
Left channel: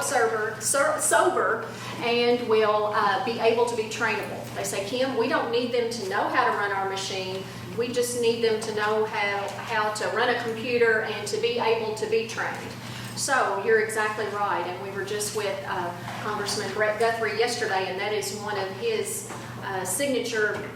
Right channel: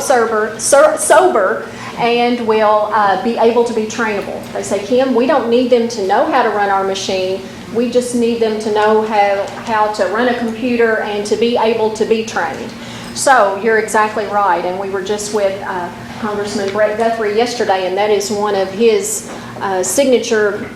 sober, and will be able to be trainable. They say, Kim, we don't need them to know how to run our machine. We just need them to know how to run a computer and to be able to be trained. So you're exactly right. And we were just with Congressman Brett Guthrie yesterday, and that is one of his signature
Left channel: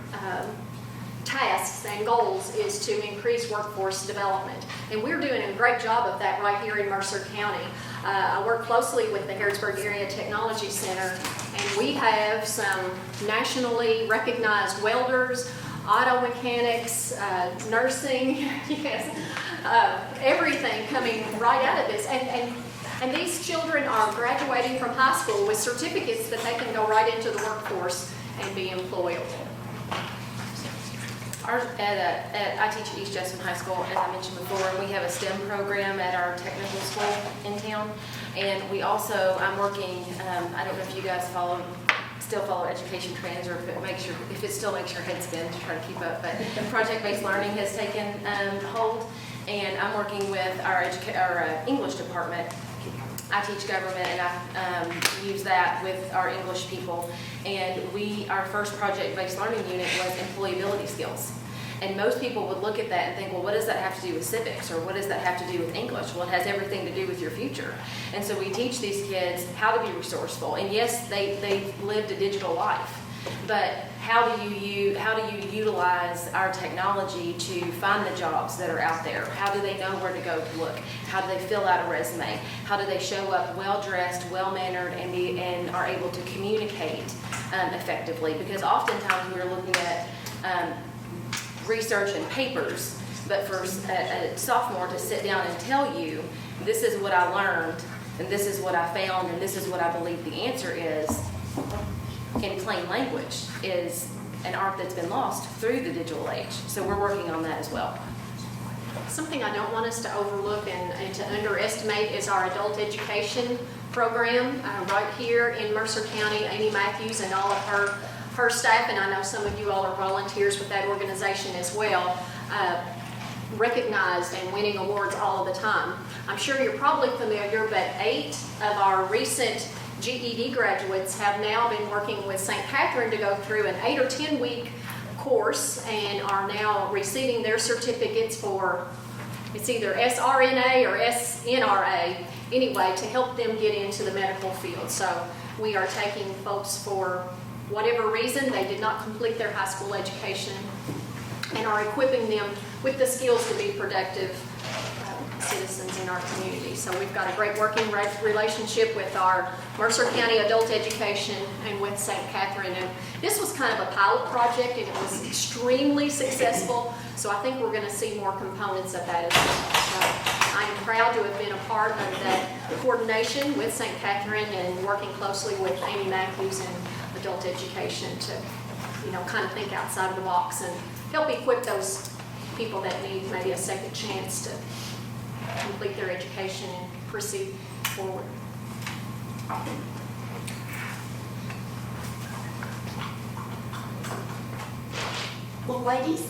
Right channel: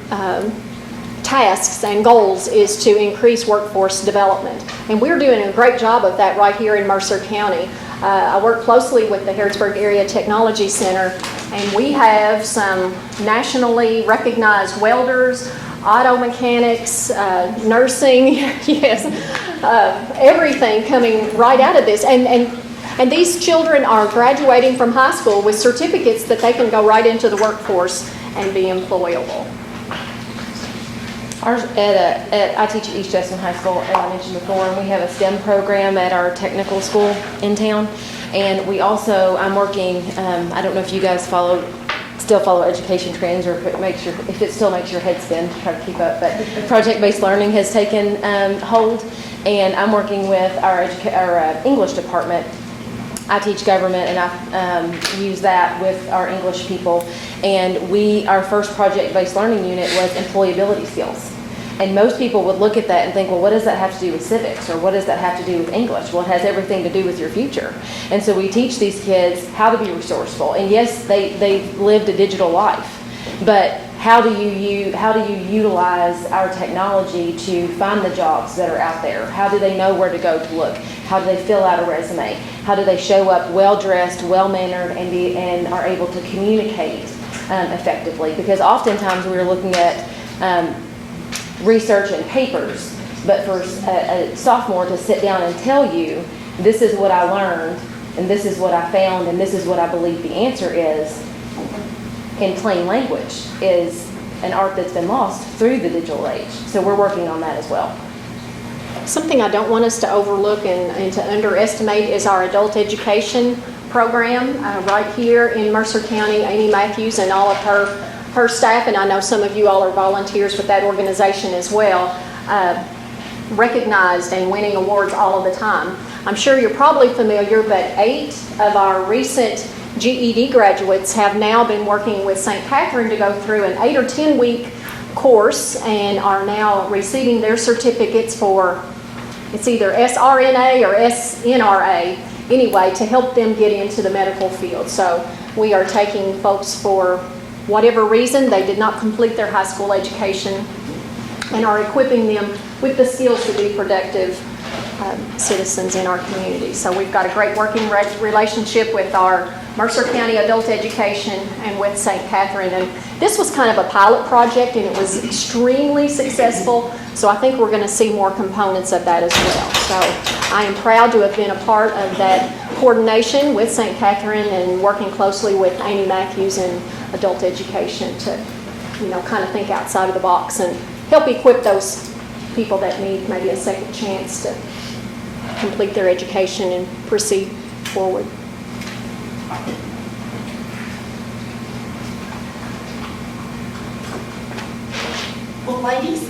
tasks and goals is to increase workforce development. And we're doing a great job of that right here in Mercer County. I work closely with the Harrodsburg Area Technology Center, and we have some nationally recognized welders, auto mechanics, nursing, yes, everything coming right out of this. And these children are graduating from high school with certificates that they can go right into the workforce and be employable. Ours I teach at East Jessamine High School, as I mentioned before, and we have a STEM program at our technical school in town. And we also, I'm working, I don't know if you guys still follow education trends, or if it still makes your head spin to try to keep up, but project-based learning has taken hold, and I'm working with our English department. I teach government, and I use that with our English people. And our first project-based learning unit was employability skills. And most people would look at that and think, well, what does that have to do with civics? Or what does that have to do with English? Well, it has everything to do with your future. And so we teach these kids how to be resourceful. And yes, they've lived a digital life, but how do you utilize our technology to find the jobs that are out there? How do they know where to go to look? How do they fill out a resume? How do they show up well-dressed, well-mannered, and are able to communicate effectively? Because oftentimes we're looking at research and papers, but for a sophomore to sit down and tell you, this is what I learned, and this is what I found, and this is what I believe the answer is, in plain language, is an art that's been lost through the digital age. So we're working on that as well. Something I don't want us to overlook and to underestimate is our adult education program right here in Mercer County. Amy Matthews and all of her staff, and I know some of you all are volunteers with that organization as well, recognized and winning awards all of the time. I'm sure you're probably familiar, but 8 of our recent GED graduates have now been working with St. Catherine to go through an 8 or 10 week course and are now receiving their certificates for, it's either SRNA or SNRA, anyway, to help them get into the medical field. So we are taking folks for whatever reason, they did not complete their high school education, and are equipping them with the skills to be productive citizens in our community. So we've got a great working relationship with our Mercer County Adult Education and with St. Catherine. And this was kind of a pilot project, and it was extremely successful. So I think we're going to see more components of that as well. So I am proud to have been a part of that coordination with St. Catherine and working closely with Amy Matthews and Adult Education to, kind of think outside of the box and help equip those people that need maybe a second chance to complete their education and proceed forward. Well, ladies,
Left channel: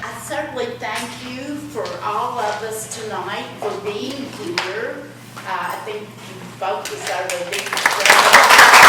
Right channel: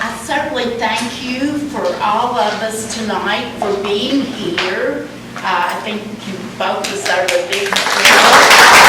I certainly thank you for all of us tonight for being here. I think you both deserve a big applause.